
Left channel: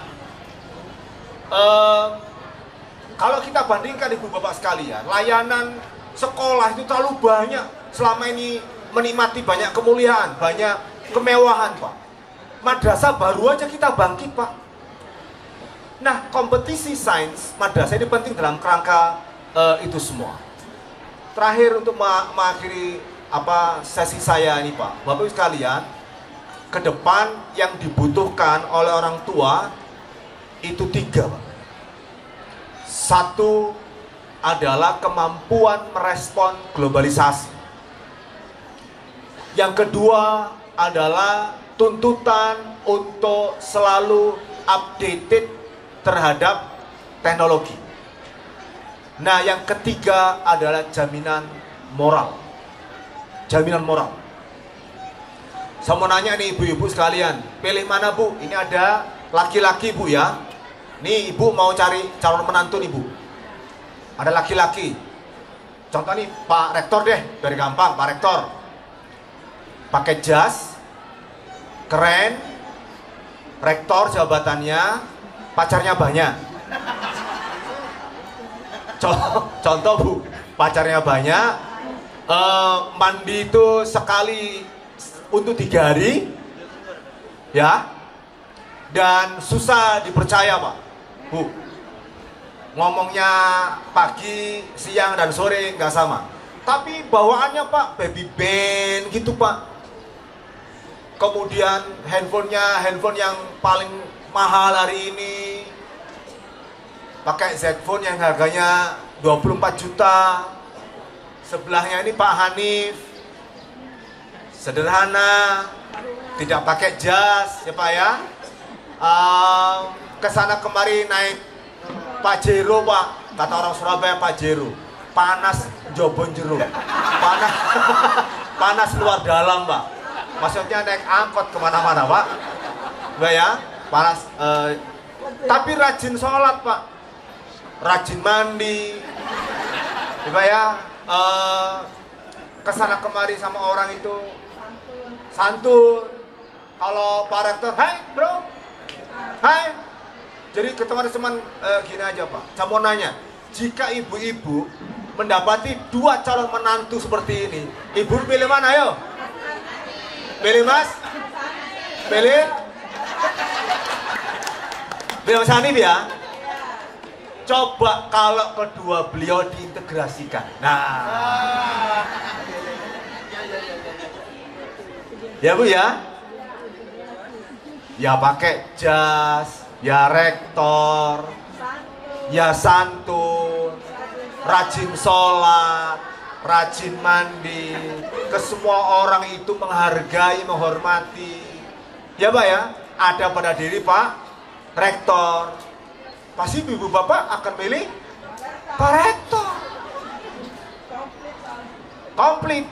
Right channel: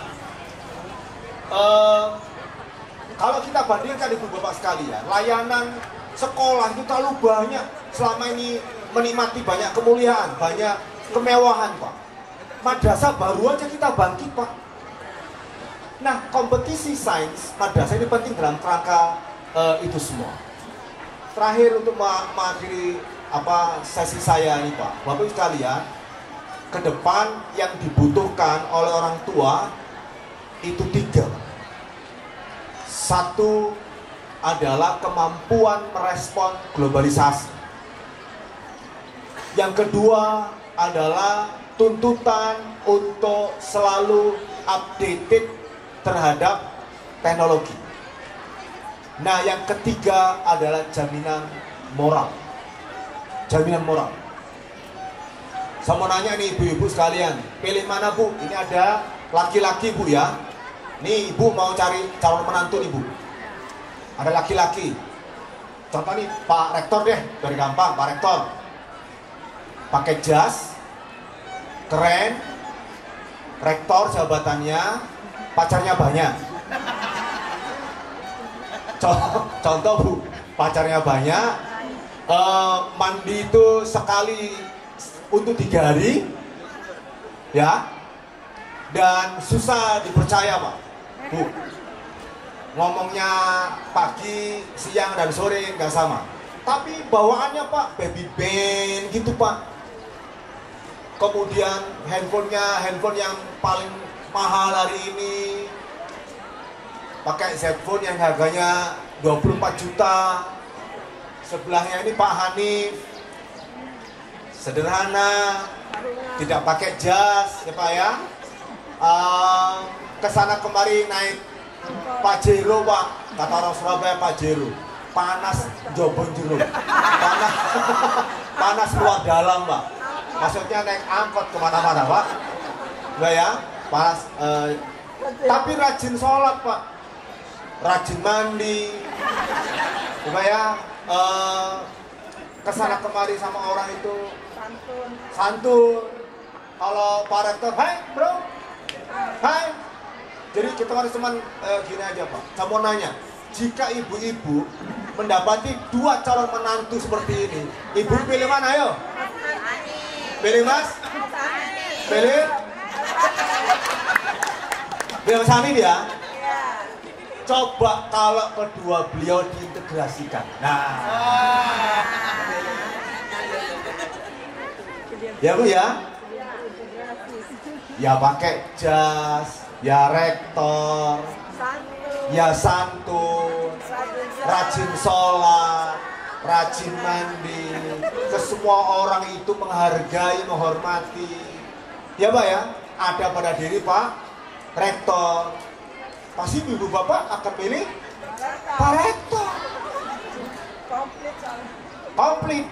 Kalau kita bandingkan ibu bapak sekalian, layanan sekolah itu terlalu banyak. Selama ini menikmati banyak kemuliaan, banyak kemewahan, Pak. Madrasah baru aja kita bangkit, Pak. Nah, kompetisi sains madrasah ini penting dalam kerangka itu semua. Terakhir untuk mengakhiri sesi saya ini, Pak, Bapak Ibu sekalian, ke depan yang dibutuhkan oleh orang tua itu 3. Satu adalah kemampuan merespon globalisasi. Yang kedua adalah tuntutan untuk selalu updated terhadap teknologi. Nah, yang ketiga adalah jaminan moral. Jaminan moral. Saya mau nanya nih ibu-ibu sekalian, pilih mana, Bu? Ini ada laki-laki, Bu, ya. Nih ibu mau cari calon menantu nih, Bu. Ada laki-laki. Contoh nih Pak Rektor deh, dari gampang, Pak Rektor. Pakai jas, keren, rektor jabatannya, pacarnya banyak. Contoh, Bu, pacarnya banyak, mandi itu sekali untuk 3 hari, ya, dan susah dipercaya, Pak, Bu. Ngomongnya pagi, siang, dan sore nggak sama. Tapi bawaannya, Pak, baby band gitu, Pak. Kemudian handphone yang paling mahal hari ini. Pakai Z Phone yang harganya 24 juta. Sebelahnya ini Pak Hanif. Sederhana, tidak pakai jas, ya Pak ya. Kesana kemari naik Pajero, Pak. Kata orang Surabaya Pajero. Panas jobon jero. Panas luar dalam, Pak. Maksudnya naik angkot kemana-mana, Pak. Enggak ya? Panas. Tapi rajin sholat, Pak. Rajin mandi, coba ya, kesana kemari sama orang itu santun. Kalau Pak Rektor, hai bro, hai. Jadi ke teman-teman gini aja, Pak, saya mau nanya, jika ibu-ibu mendapati 2 calon menantu seperti ini, ibu pilih mana, ayo? Pilih Mas? Pilih? Pilih Mas Hanif ya? Coba kalau kedua beliau diintegrasikan. Nah, ya Bu ya, ya pakai jas, ya rektor, ya santun, rajin sholat, rajin mandi, ke semua orang itu menghargai, menghormati. Ya Pak ya, ada pada diri Pak Rektor. Pasti ibu bapak akan pilih Pak Rektor. Komplit.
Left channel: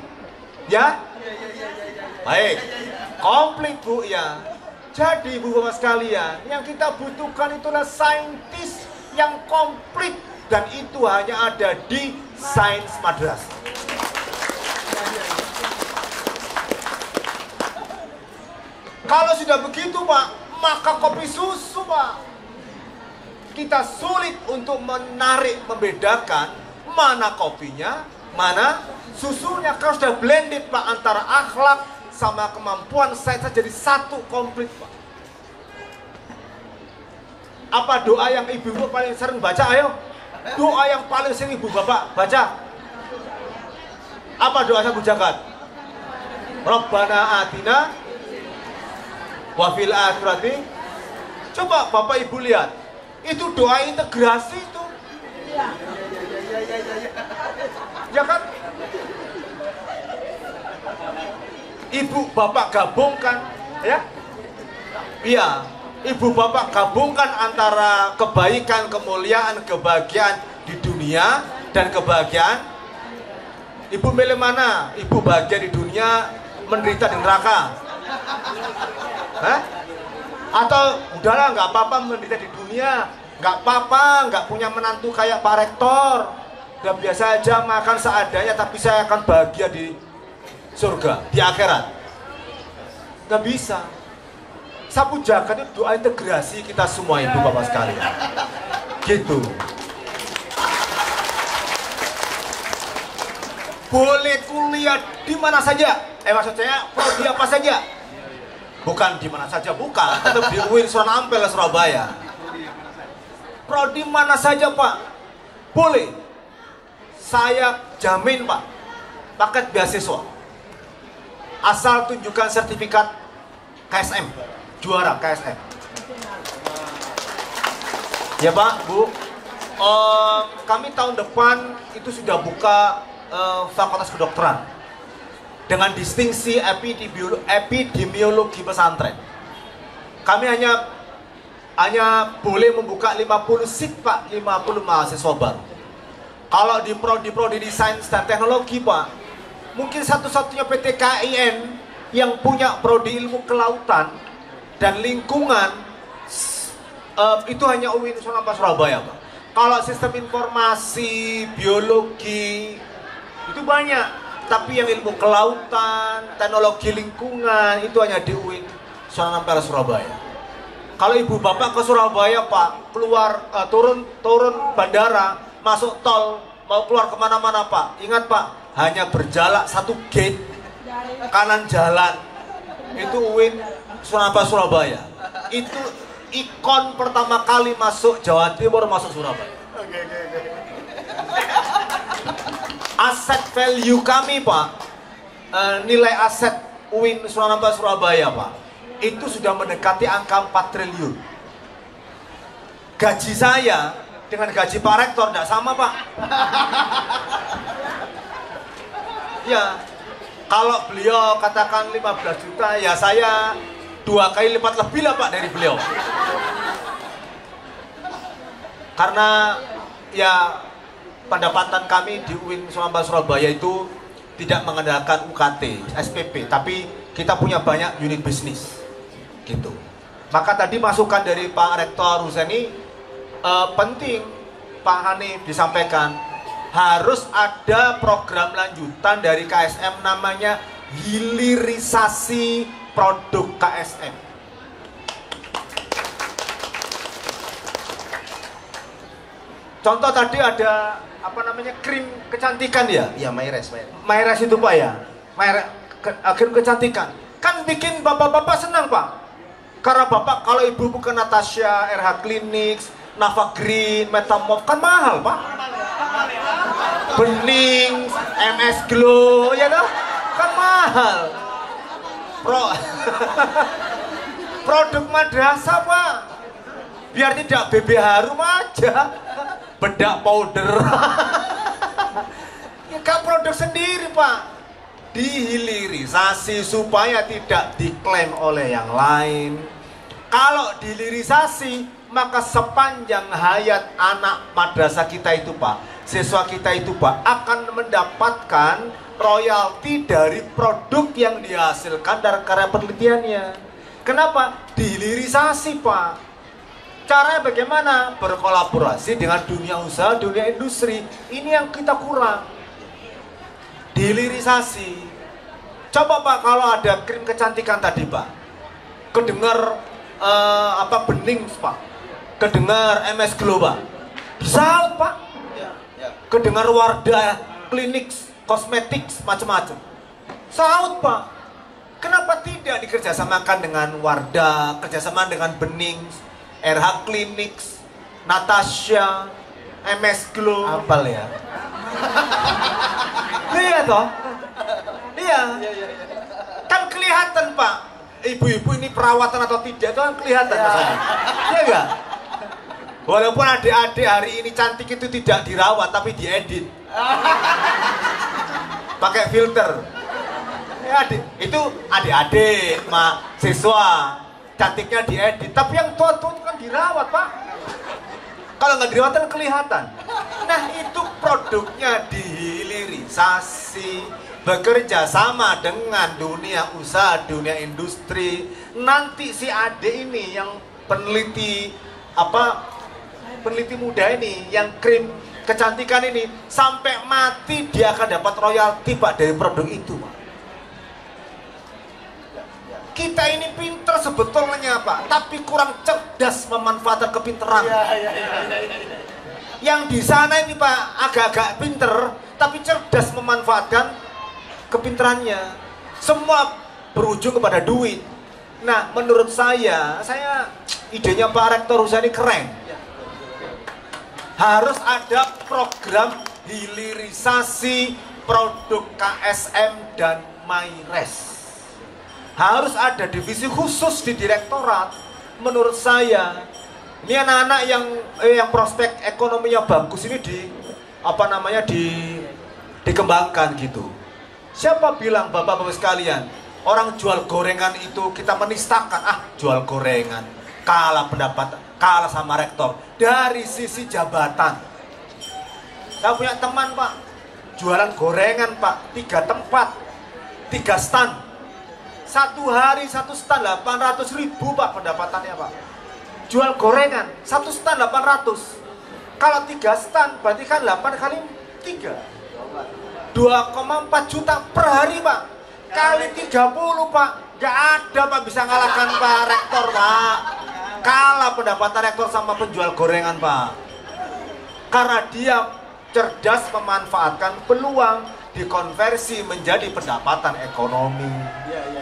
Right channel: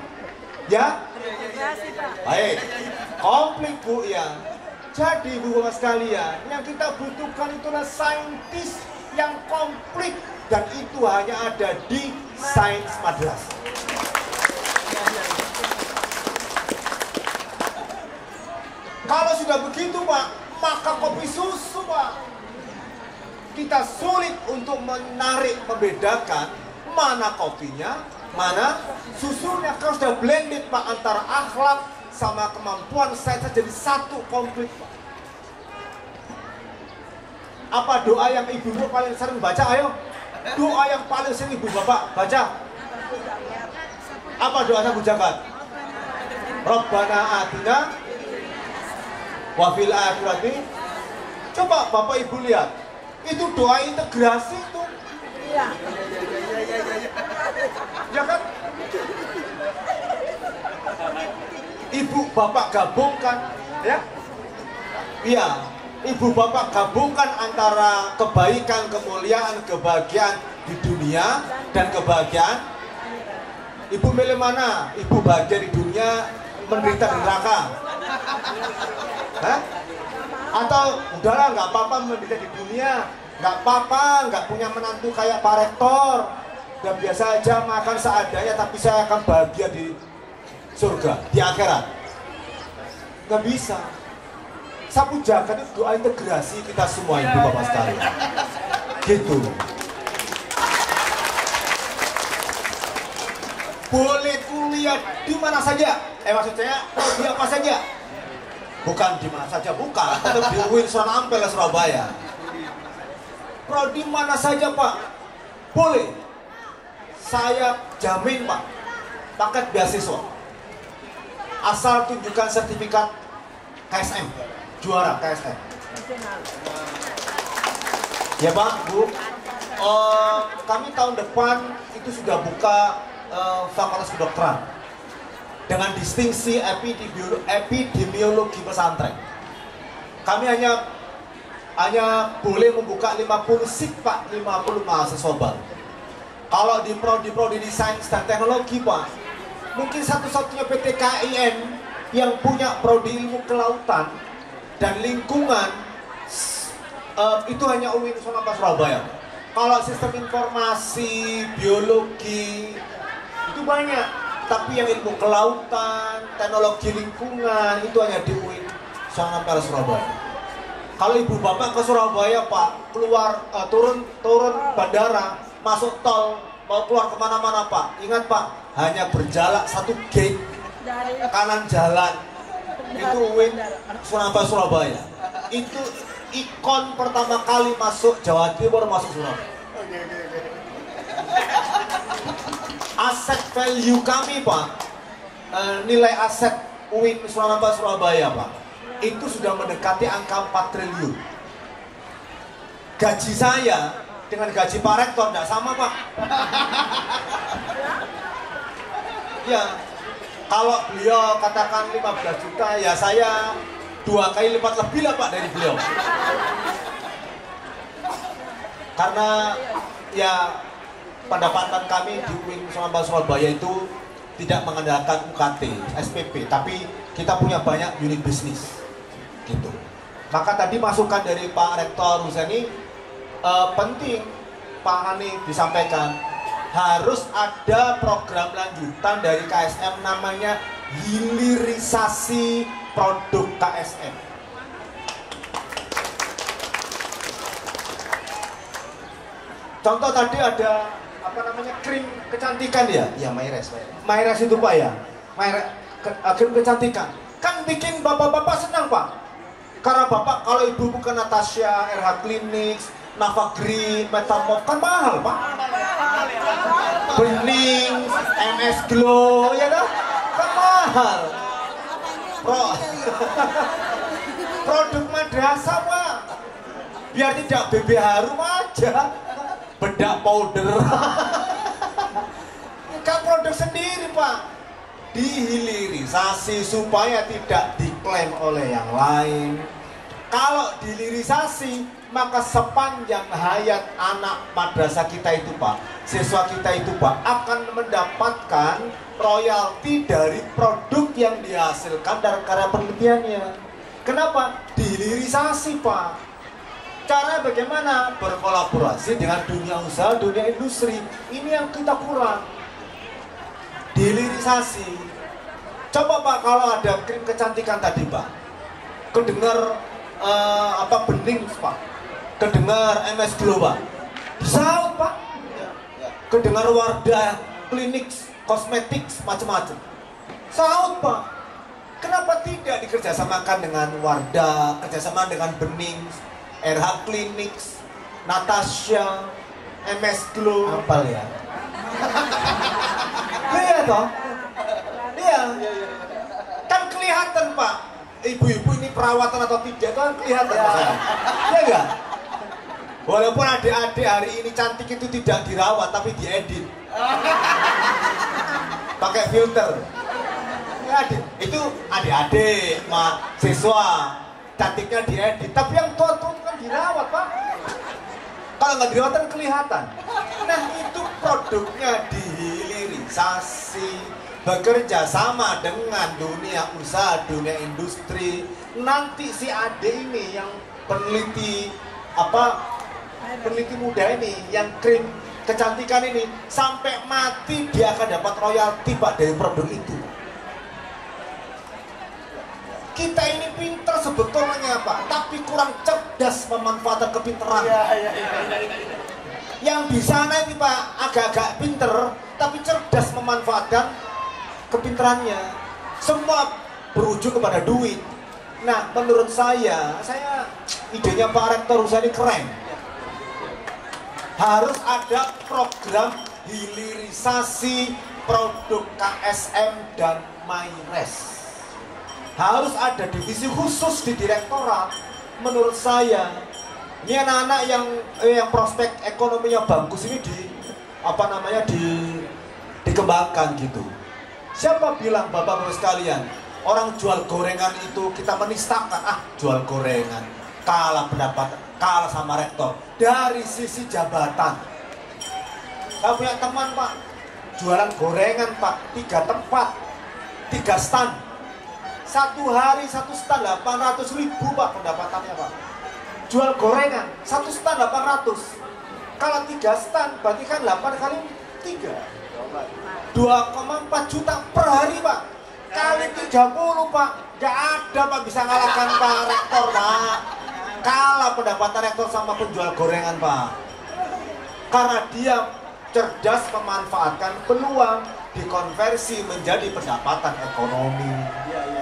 Ya? Baik. Komplit Bu ya. Jadi Bu Bapak sekalian, yang kita butuhkan itulah saintis yang komplit, dan itu hanya ada di Sains Madrasah. Kalau sudah begitu Pak, maka kopi susu Pak, kita sulit untuk menarik, membedakan mana kopinya, mana susunya. Kalau sudah blended Pak, antara akhlak sama kemampuan saya jadi satu komplit Pak. Apa doa yang ibu-ibu paling sering baca? Ayo, doa yang paling sering ibu bapak baca. Apa doanya Bu Jagat? Rabbana atina wa fil akhirati. Coba bapak ibu lihat, itu doa integrasi itu. Ya kan? Ibu bapak gabungkan, ya? Iya, ibu bapak gabungkan antara kebaikan, kemuliaan, kebahagiaan di dunia dan kebahagiaan. Ibu milih mana? Ibu bahagia di dunia, menderita di neraka? Hah? Atau udahlah nggak apa-apa menderita di dunia, nggak apa-apa, nggak punya menantu kayak Pak Rektor, udah biasa aja makan seadanya, tapi saya akan bahagia di surga, di akhirat. Nggak bisa. Sapu jagat itu doa integrasi kita semua ibu bapak sekalian. Gitu. Boleh kuliah di mana saja. Maksudnya di apa saja. Bukan di mana saja, bukan. Tetap di UIN Sunan Ampel Surabaya. Prodi mana saja Pak, boleh. Saya jamin Pak, paket beasiswa. Asal tunjukkan sertifikat KSM, juara KSM. Ya Pak, Bu, kami tahun depan itu sudah buka fakultas kedokteran dengan distingsi epidemiologi pesantren. Kami hanya boleh membuka 50 seat Pak, 50 mahasiswa baru. Kalau di prodi di sains dan teknologi Pak, mungkin satu-satunya PT KIN yang punya prodi ilmu kelautan dan lingkungan itu hanya UIN Sunan Ampel Surabaya Pak. Kalau sistem informasi, biologi itu banyak, tapi yang ilmu kelautan, teknologi lingkungan itu hanya di UIN Sunan Ampel Surabaya. Kalau ibu bapak ke Surabaya Pak, keluar turun bandara, masuk tol, mau keluar kemana-mana Pak, ingat Pak, hanya berjalan satu gate kanan jalan, itu UIN Sunan Ampel Surabaya. Itu ikon pertama kali masuk Jawa Timur, masuk Surabaya. Aset value kami Pak, nilai aset UIN Sunan Ampel Surabaya Pak, itu sudah mendekati angka 4 triliun. Gaji saya dengan gaji Pak Rektor tidak sama Pak. Ya, kalau beliau katakan 15 juta, ya saya 2 kali lipat lebih lah Pak dari beliau. Karena ya pendapatan kami di UIN Sunan Ampel Surabaya itu tidak mengandalkan UKT, SPP, tapi kita punya banyak unit bisnis. Gitu. Maka tadi masukan dari Pak Rektor Huseni penting Pak Hani disampaikan, harus ada program lanjutan dari KSM namanya hilirisasi produk KSM. Contoh tadi ada apa namanya, krim kecantikan ya? Ya, Mayres. Mayres itu Pak ya, krim kecantikan. Kan bikin bapak-bapak senang Pak. Karena bapak, kalau ibu bukan Natasha, RH Clinics, Nava Green, Metamorph, kan mahal Pak. Bening, MS Glow, ya kan mahal. Produk madrasah Pak, biar tidak BB harum aja, bedak powder. Ya kan produk sendiri Pak, dihilirisasi supaya tidak diklaim oleh yang lain. Kalau dihilirisasi, maka sepanjang hayat anak madrasah kita itu Pak, siswa kita itu Pak akan mendapatkan royalti dari produk yang dihasilkan dari karya penelitiannya. Kenapa? Dihilirisasi Pak. Caranya bagaimana? Berkolaborasi dengan dunia usaha, dunia industri. Ini yang kita kurang. Dihilirisasi. Coba Pak kalau ada krim kecantikan tadi Pak, kedengar bening Pak, kedengar MS Glow Pak, bisa Pak, kedengar Wardah, klinik, kosmetik, macam-macam, saut Pak. Kenapa tidak dikerjasamakan dengan Wardah, kerjasama dengan Bening, RH Clinics, Natasha, MS Glow? Apal ya? Iya toh? Iya. Kan kelihatan Pak, ibu-ibu ini perawatan atau tidak kan kelihatan. Iya enggak? Walaupun adik-adik hari ini cantik itu tidak dirawat tapi diedit. Pakai filter. Ya, itu adik-adik, siswa cantiknya diedit, tapi yang tua-tua itu kan dirawat Pak. Kalau nggak dirawat kan kelihatan. Nah itu produknya dihilirisasi, bekerja sama dengan dunia usaha, dunia industri. Nanti si adik ini yang peneliti peneliti muda ini, yang krim kecantikan ini, sampai mati dia akan dapat royalti Pak dari produk itu. Kita ini pinter sebetulnya Pak, tapi kurang cerdas memanfaatkan kepinteran. Yang di sana ini Pak agak-agak pinter, tapi cerdas memanfaatkan kepinterannya. Semua berujung kepada duit. Nah, menurut saya idenya Pak Rektor Usaha ini keren. Harus ada program hilirisasi produk KSM dan MyRes. Harus ada divisi khusus di direktorat. Menurut saya, ini anak-anak yang prospek ekonominya bagus ini dikembangkan gitu. Siapa bilang bapak-bapak sekalian, orang jual gorengan itu kita menistakan, jual gorengan, kalah pendapat, kalah sama rektor. Dari sisi jabatan, saya punya teman Pak, jualan gorengan Pak, 3 tempat, 3 stand. Satu hari 1 stand 800.000 Pak pendapatannya Pak. Jual gorengan 1 stand 800. Kalau 3 stand berarti kan 8 kali 3 2,4 juta per hari Pak. Kali 30 Pak. Gak ada Pak bisa ngalahkan Pak Rektor Pak. Kalah pendapatan rektor sama penjual gorengan Pak. Karena dia cerdas memanfaatkan peluang, dikonversi menjadi pendapatan ekonomi.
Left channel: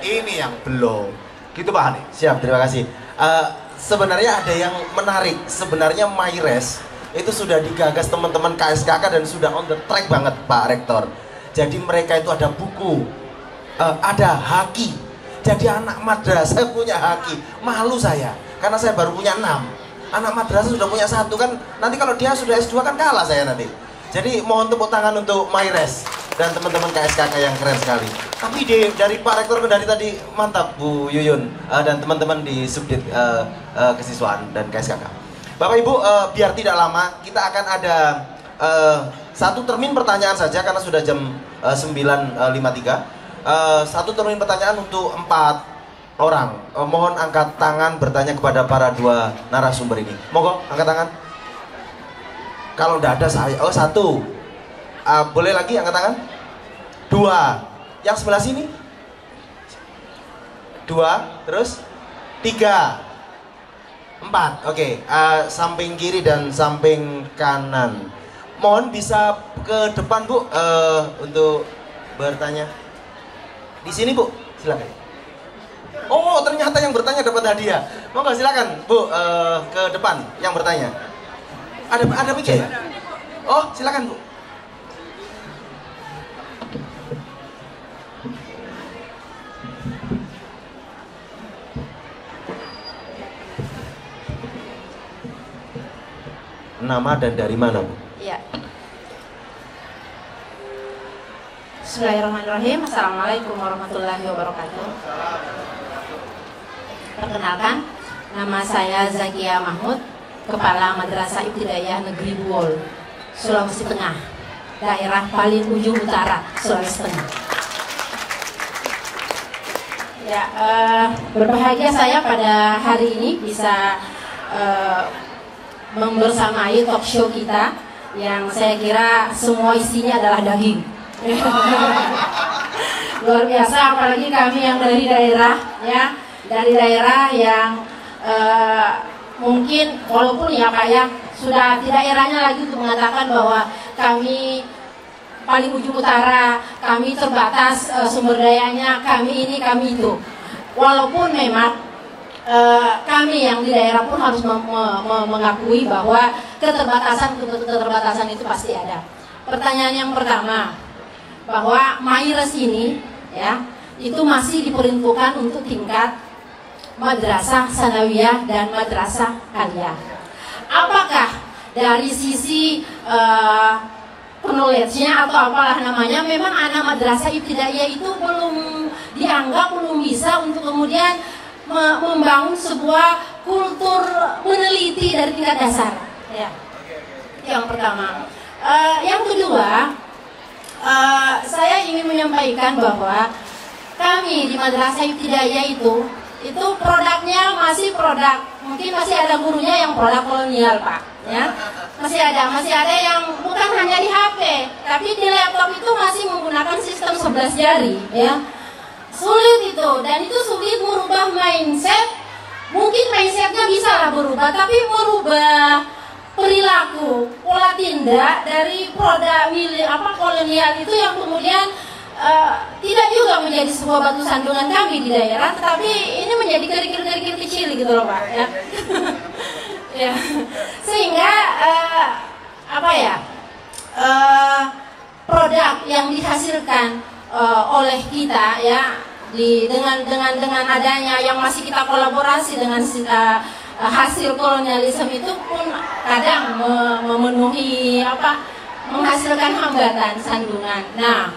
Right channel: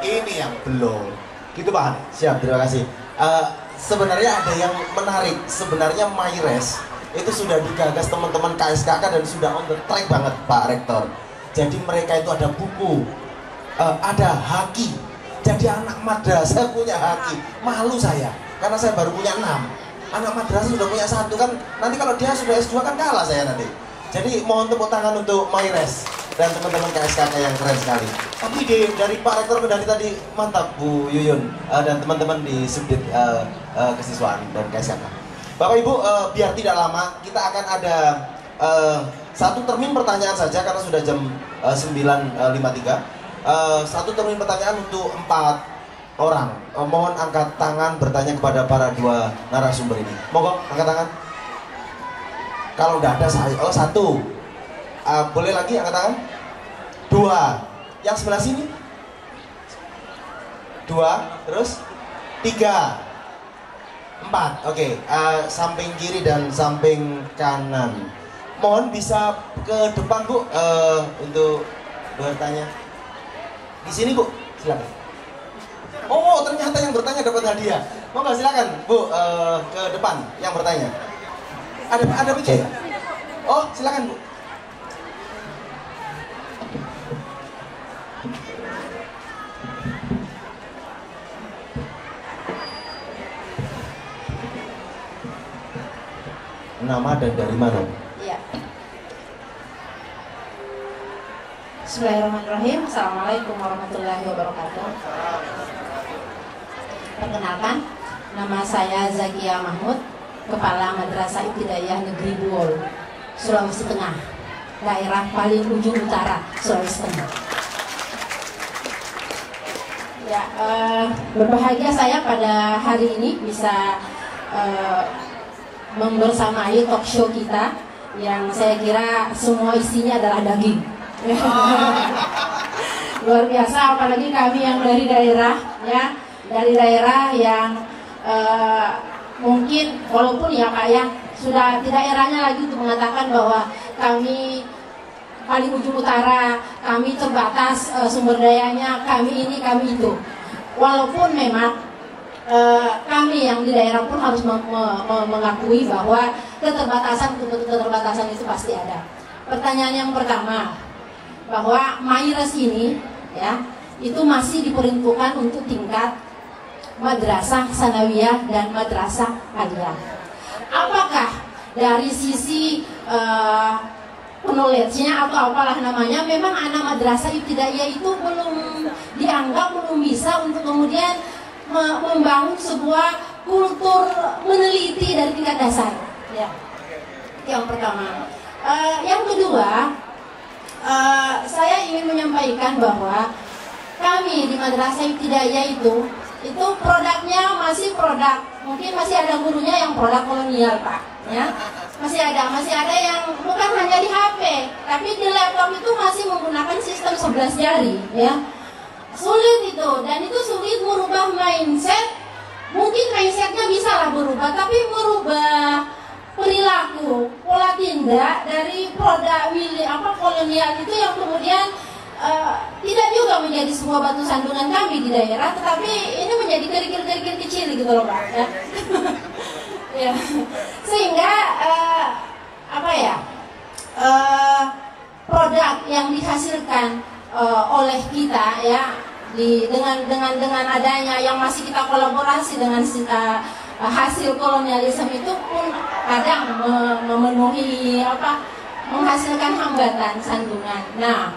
Ini yang belum. Gitu Pak Hani. Siap, terima kasih. Sebenarnya ada yang menarik. Sebenarnya MyRes itu sudah digagas teman-teman KSKK dan sudah on the track banget Pak Rektor. Jadi mereka itu ada buku, ada haki. Jadi anak madrasah punya haki. Malu saya, karena saya baru punya 6. Anak madrasah sudah punya 1 kan. Nanti kalau dia sudah S2 kan kalah saya nanti. Jadi mohon tepuk tangan untuk MyRes dan teman-teman KSKK yang keren sekali. Tapi dari Pak Rektor dari tadi mantap Bu Yuyun dan teman-teman di Subdit Kesiswaan dan KSKK. Bapak Ibu, biar tidak lama kita akan ada 1 termin pertanyaan saja karena sudah jam 9.53. 1 termin pertanyaan untuk 4 orang. Mohon angkat tangan bertanya kepada para 2 narasumber ini. Mohon angkat tangan. Kalau tidak ada saya, 1. Boleh lagi angkat tangan? 2. Yang sebelah sini? 2. Terus? 3. 4. Oke. Samping kiri dan samping kanan. Mohon bisa ke depan Bu untuk bertanya. Di sini Bu, silakan. Oh, ternyata yang bertanya dapat hadiah. Mohon silakan Bu ke depan yang bertanya. Ada begini. Oh, silakan Bu. Nama dan dari mana? Iya. Bismillahirrahmanirrahim. Assalamualaikum warahmatullahi wabarakatuh. Perkenalkan, nama saya Zakia Mahmud, Kepala Madrasah Ibtidaiyah Negeri Buol, Sulawesi Tengah, daerah paling ujung utara Sulawesi Tengah. Ya, berbahagia saya pada hari ini bisa membersamai talk show kita yang saya kira semua isinya adalah daging. Luar biasa, apalagi kami yang dari daerah, ya, dari daerah yang mungkin walaupun ya Pak ya sudah tidak eranya lagi untuk mengatakan bahwa kami paling ujung utara, kami terbatas sumber dayanya, kami ini, kami itu. Walaupun memang kami yang di daerah pun harus mengakui bahwa keterbatasan itu pasti ada. Pertanyaan yang pertama, bahwa MAIRES ini ya itu masih diperuntukkan untuk tingkat madrasah sanawiyah dan madrasah aliyah. Apakah dari sisi knowledge-nya atau apalah namanya, memang anak madrasah ibtidaiyah itu belum dianggap, belum bisa untuk kemudian membangun sebuah kultur meneliti dari tingkat dasar. Ya. Yang pertama. Yang kedua, saya ingin menyampaikan bahwa kami di madrasah ibtidaiyah itu produknya masih produk, mungkin masih ada gurunya yang produk kolonial Pak, ya masih ada yang bukan hanya di HP, tapi di laptop itu masih menggunakan sistem 11 jari, ya sulit itu, dan itu sulit merubah mindset. Mungkin mindsetnya bisa lah berubah, tapi merubah perilaku, pola tindak dari produk kolonial itu yang kemudian tidak juga menjadi sebuah batu sandungan kami di daerah, tetapi ini menjadi kerikil-kerikil kecil gitu loh Pak, ya. Ya. Sehingga produk yang dihasilkan oleh kita ya dengan adanya yang masih kita kolaborasi dengan hasil kolonialisme itu pun kadang memenuhi menghasilkan hambatan sandungan. Nah,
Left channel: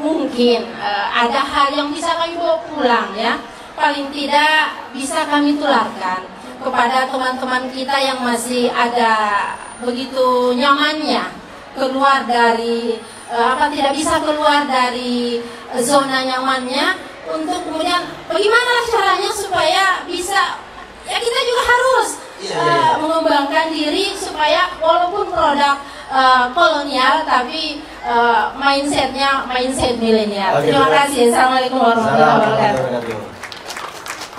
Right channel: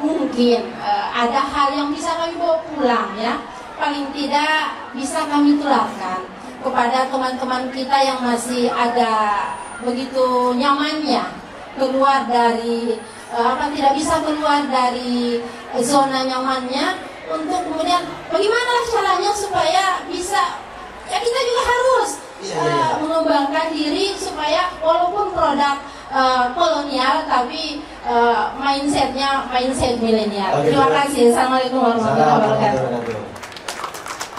mungkin ada hal yang bisa kami bawa pulang ya, paling tidak bisa kami tularkan kepada teman-teman kita yang masih ada begitu nyamannya keluar dari tidak bisa keluar dari zona nyamannya, untuk kemudian bagaimana caranya supaya bisa, ya kita juga harus mengembangkan diri supaya walaupun produk kolonial tapi mindset milenial. Terima kasih. Assalamualaikum warahmatullahi wabarakatuh.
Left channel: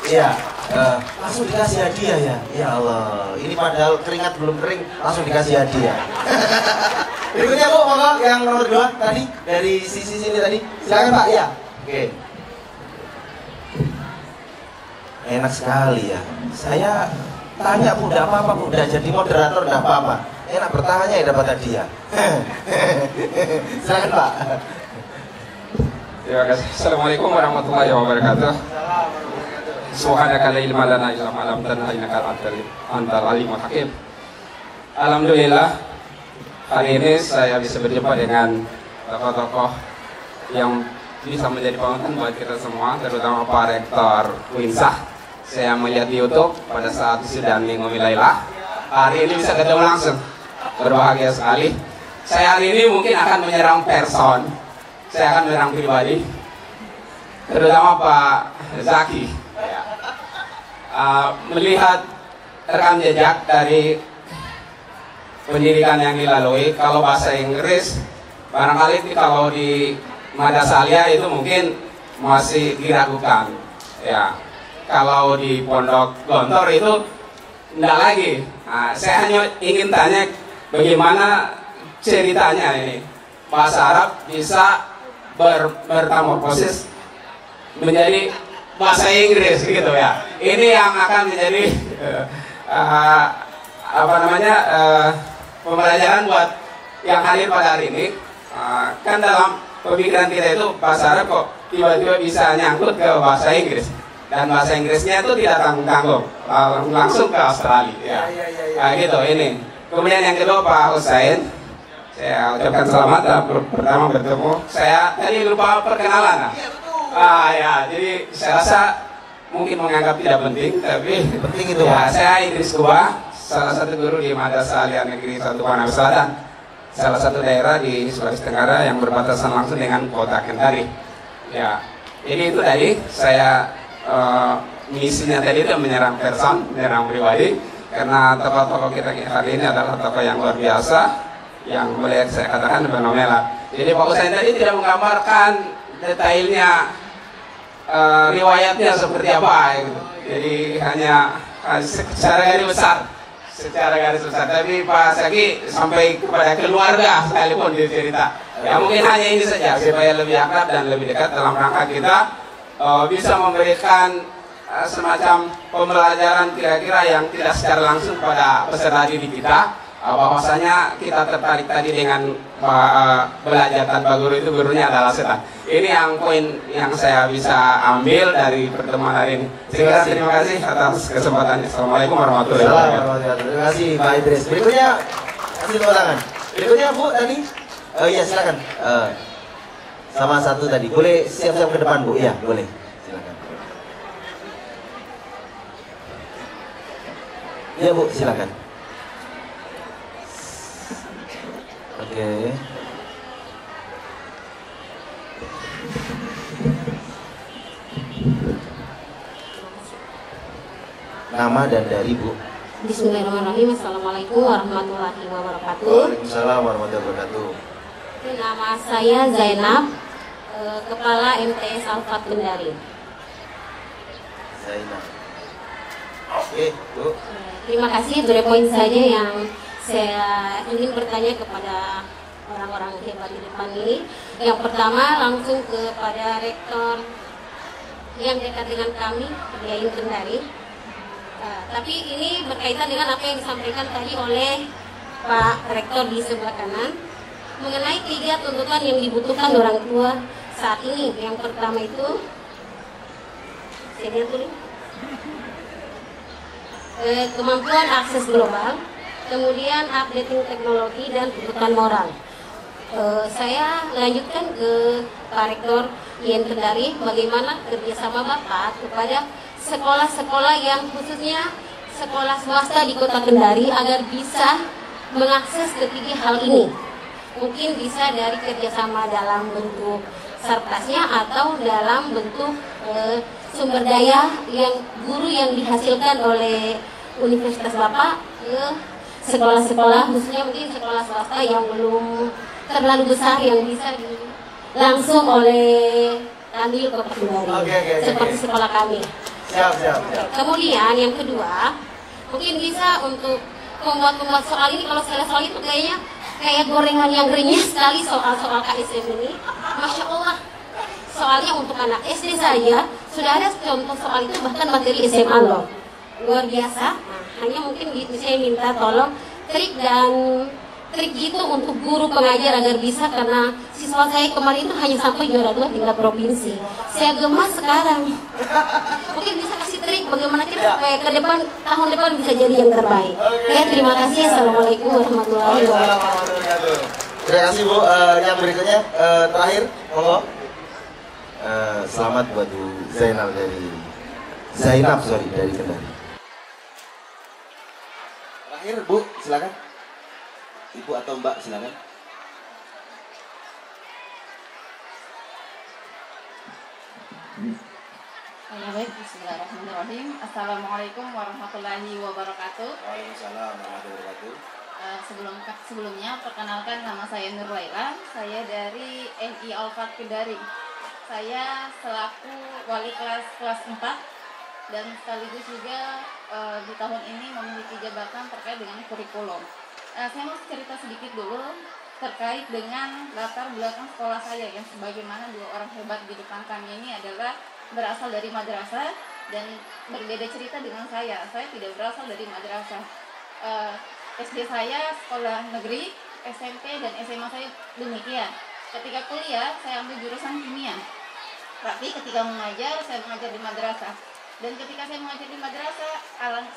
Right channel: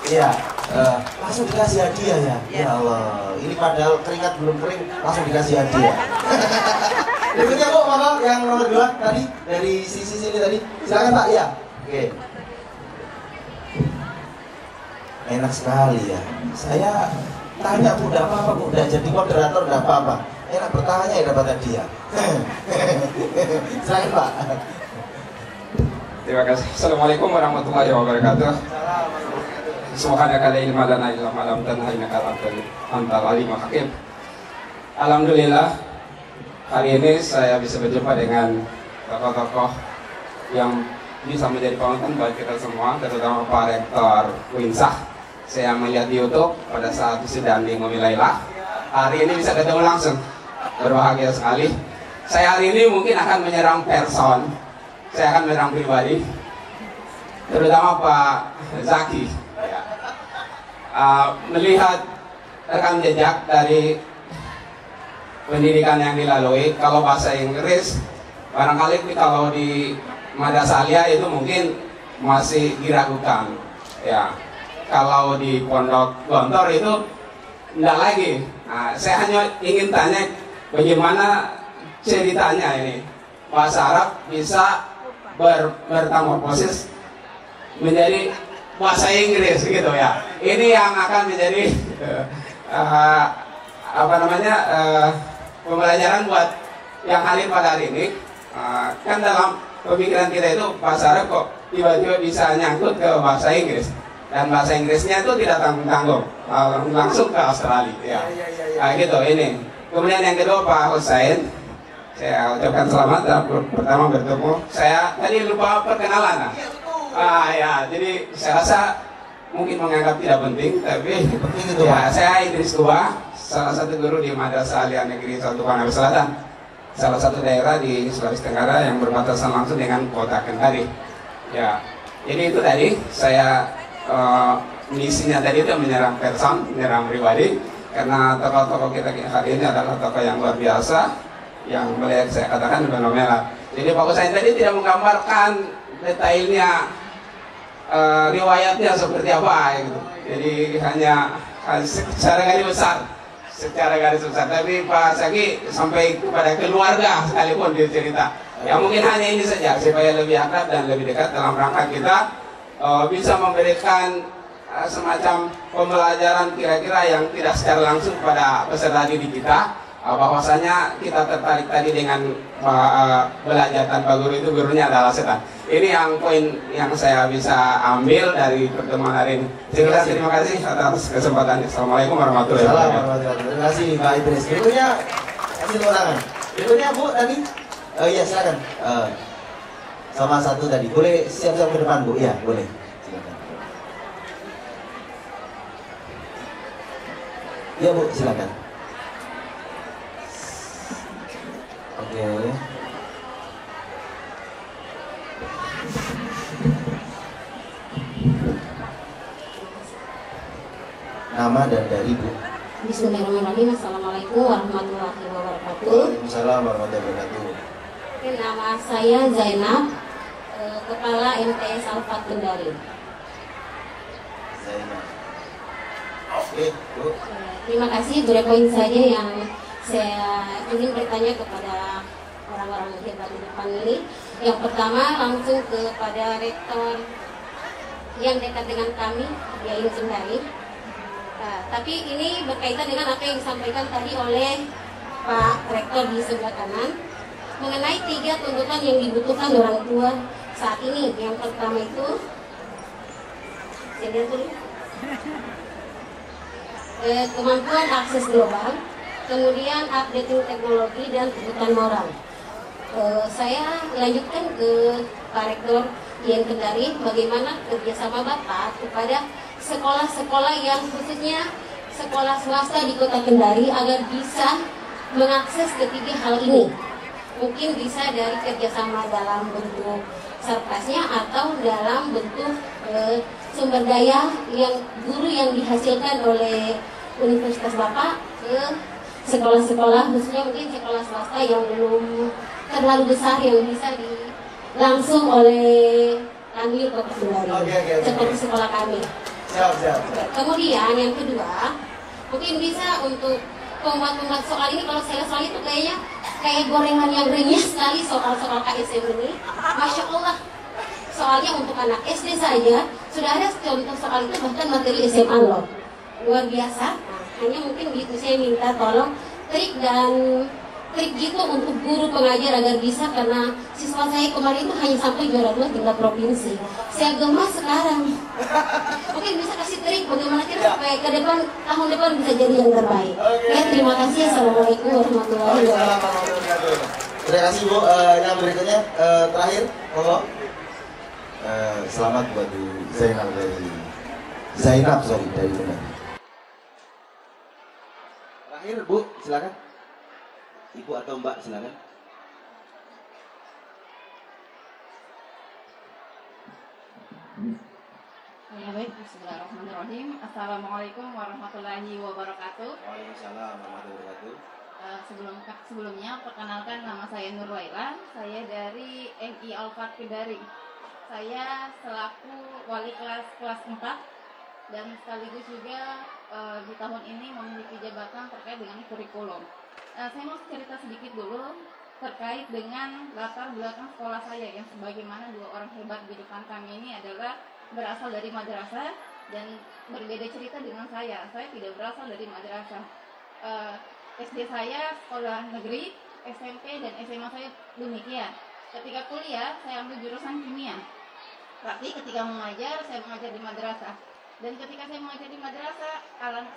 Iya, langsung dikasih hadiah ya. Ya Allah, ini padahal keringat belum kering langsung dikasih hadiah. Berikutnya Bu, monggo yang nomor 2 tadi dari sisi sini tadi. Silakan Pak ya. Oke. Enak sekali ya. Saya tanya Bu, enggak apa-apa Bu, udah jadi moderator enggak apa-apa. Enak bertanya ya dapat hadiah. Silakan Pak. Terima kasih. Assalamualaikum warahmatullahi wabarakatuh. Subhanaka la ilma lana illa ma 'allamtana innaka antal alimul hakim. Alhamdulillah, hari ini saya bisa berjumpa dengan tokoh-tokoh yang bisa menjadi panutan bagi kita semua, terutama Pak Rektor Uinsah. Saya melihat di YouTube pada saat sudah Minggu Milailah. Hari ini bisa ketemu langsung, berbahagia sekali. Saya hari ini mungkin akan menyerang person, saya akan menyerang pribadi, terutama Pak Zaki. Melihat rekam jejak dari pendidikan yang dilalui, kalau bahasa Inggris barangkali kalau di madrasah aliyah itu mungkin masih diragukan ya, kalau di pondok Gontor itu enggak lagi. Saya hanya ingin tanya bagaimana ceritanya ini bahasa Arab bisa bermetamorfosis menjadi bahasa Inggris gitu ya. Ini yang akan menjadi pembelajaran buat yang hadir pada hari ini. Kan dalam pemikiran kita itu bahasa Arab kok tiba-tiba bisa nyangkut ke bahasa Inggris, dan bahasa Inggrisnya itu tidak tanggung-tanggung, langsung ke Australia ya. Gitu ini. Kemudian yang kedua Pak Hussein, saya ucapkan selamat pertama bertemu. Saya tadi lupa perkenalan. Ya, jadi saya rasa mungkin menganggap tidak penting, tapi penting itu ya. Saya Idris Tua, salah satu guru di Madrasah Aliyah Negeri 1 Panang Selatan. salah satu daerah di Sulawesi Tenggara yang berbatasan langsung dengan kota Kendari. Ya, ini itu tadi saya misinya tadi itu menyerang person, menyerang pribadi, karena tokoh-tokoh kita hari ini adalah tokoh yang luar biasa, yang boleh saya katakan fenomenal. Jadi Pak Husain tadi tidak menggambarkan detailnya riwayatnya seperti apa gitu. Jadi hanya secara garis besar, tapi Pak Syaki sampai kepada keluarga sekalipun dia cerita. Ya mungkin hanya ini saja supaya lebih akrab dan lebih dekat dalam rangka kita bisa memberikan semacam pembelajaran kira-kira yang tidak secara langsung pada peserta didik kita. Bahwasanya kita tertarik tadi dengan belajar tanpa guru itu gurunya adalah setan. Ini yang poin yang saya bisa ambil dari pertemuan hari ini. Terima kasih atas kesempatannya. Assalamualaikum warahmatullahi wabarakatuh. Terima kasih Pak Idris. Berikutnya kasih tepuk tangan. Berikutnya Bu tadi. Oh iya silakan. Sama satu tadi. Boleh siap-siap ke depan Bu? Iya boleh. Silakan. Iya Bu silakan. Oke. Nama dan dari Bu. Bismillahirrahmanirrahim. Assalamualaikum warahmatullahi wabarakatuh. Waalaikumsalam warahmatullahi wabarakatuh. Oke, nama saya Zainab, Kepala MTS Alfa Kendari. Zainab. Oke Bu. Terima kasih. Beberapa poin saja yang saya ingin bertanya kepada orang-orang hebat di depan ini. Yang pertama langsung kepada rektor yang dekat dengan kami, Yayu Kendari. Tapi ini berkaitan dengan apa yang disampaikan tadi oleh Pak Rektor di sebelah kanan mengenai 3 tuntutan yang dibutuhkan orang tua saat ini. Yang pertama itu, saya lihat dulu, kemampuan akses global, kemudian updating teknologi dan kebutuhan moral. Saya lanjutkan ke Pak Rektor Yen Kendari, bagaimana kerjasama Bapak kepada sekolah-sekolah yang khususnya sekolah swasta di Kota Kendari agar bisa mengakses ketiga hal ini. Mungkin bisa dari kerjasama dalam bentuk sarkasnya atau dalam bentuk sumber daya yang guru yang dihasilkan oleh Universitas Bapak ke sekolah-sekolah, khususnya mungkin sekolah swasta yang belum terlalu besar yang bisa langsung oleh kami Kota Kendari, seperti sekolah kami. Siap. Kemudian yang kedua, mungkin bisa untuk pembuat soal ini. Kalau saya soal itu kayaknya kayak gorengan yang renyah sekali soal-soal KSM ini. Masya Allah, soalnya untuk anak SD saja sudah ada contoh soal itu, bahkan materi SMA loh, luar biasa. Hanya mungkin saya minta tolong trik gitu untuk guru pengajar agar bisa, karena siswa saya kemarin itu hanya sampai juara 2 tingkat provinsi. Saya gemas sekarang. Mungkin bisa kasih trik bagaimana kita supaya ke depan, tahun depan bisa jadi yang terbaik. Ya, terima kasih. Assalamualaikum warahmatullahi wabarakatuh. Terima kasih Bu. Yang berikutnya terakhir, monggo. Selamat buat Bu Zainab dari Kendari. Terakhir Bu, silakan. Ibu atau Mbak silakan. Baik, bismillahirrahmanirrahim. Assalamualaikum warahmatullahi wabarakatuh. Waalaikumsalam warahmatullahi wabarakatuh. Sebelumnya perkenalkan, nama saya Nur Laila. Saya dari NI Alfa Kendari. Saya selaku wali kelas 4 dan sekaligus juga di tahun ini memiliki jabatan terkait dengan kurikulum. Saya mau cerita sedikit dulu terkait dengan latar belakang sekolah saya, yang sebagaimana 2 orang hebat di depan kami ini adalah berasal dari madrasah dan berbeda cerita dengan saya. Saya tidak berasal dari madrasah. SD saya sekolah negeri, SMP dan SMA saya demikian. Ketika kuliah saya ambil jurusan kimia. Tapi ketika mengajar, saya mengajar di madrasah. Dan ketika saya mengajar di madrasah,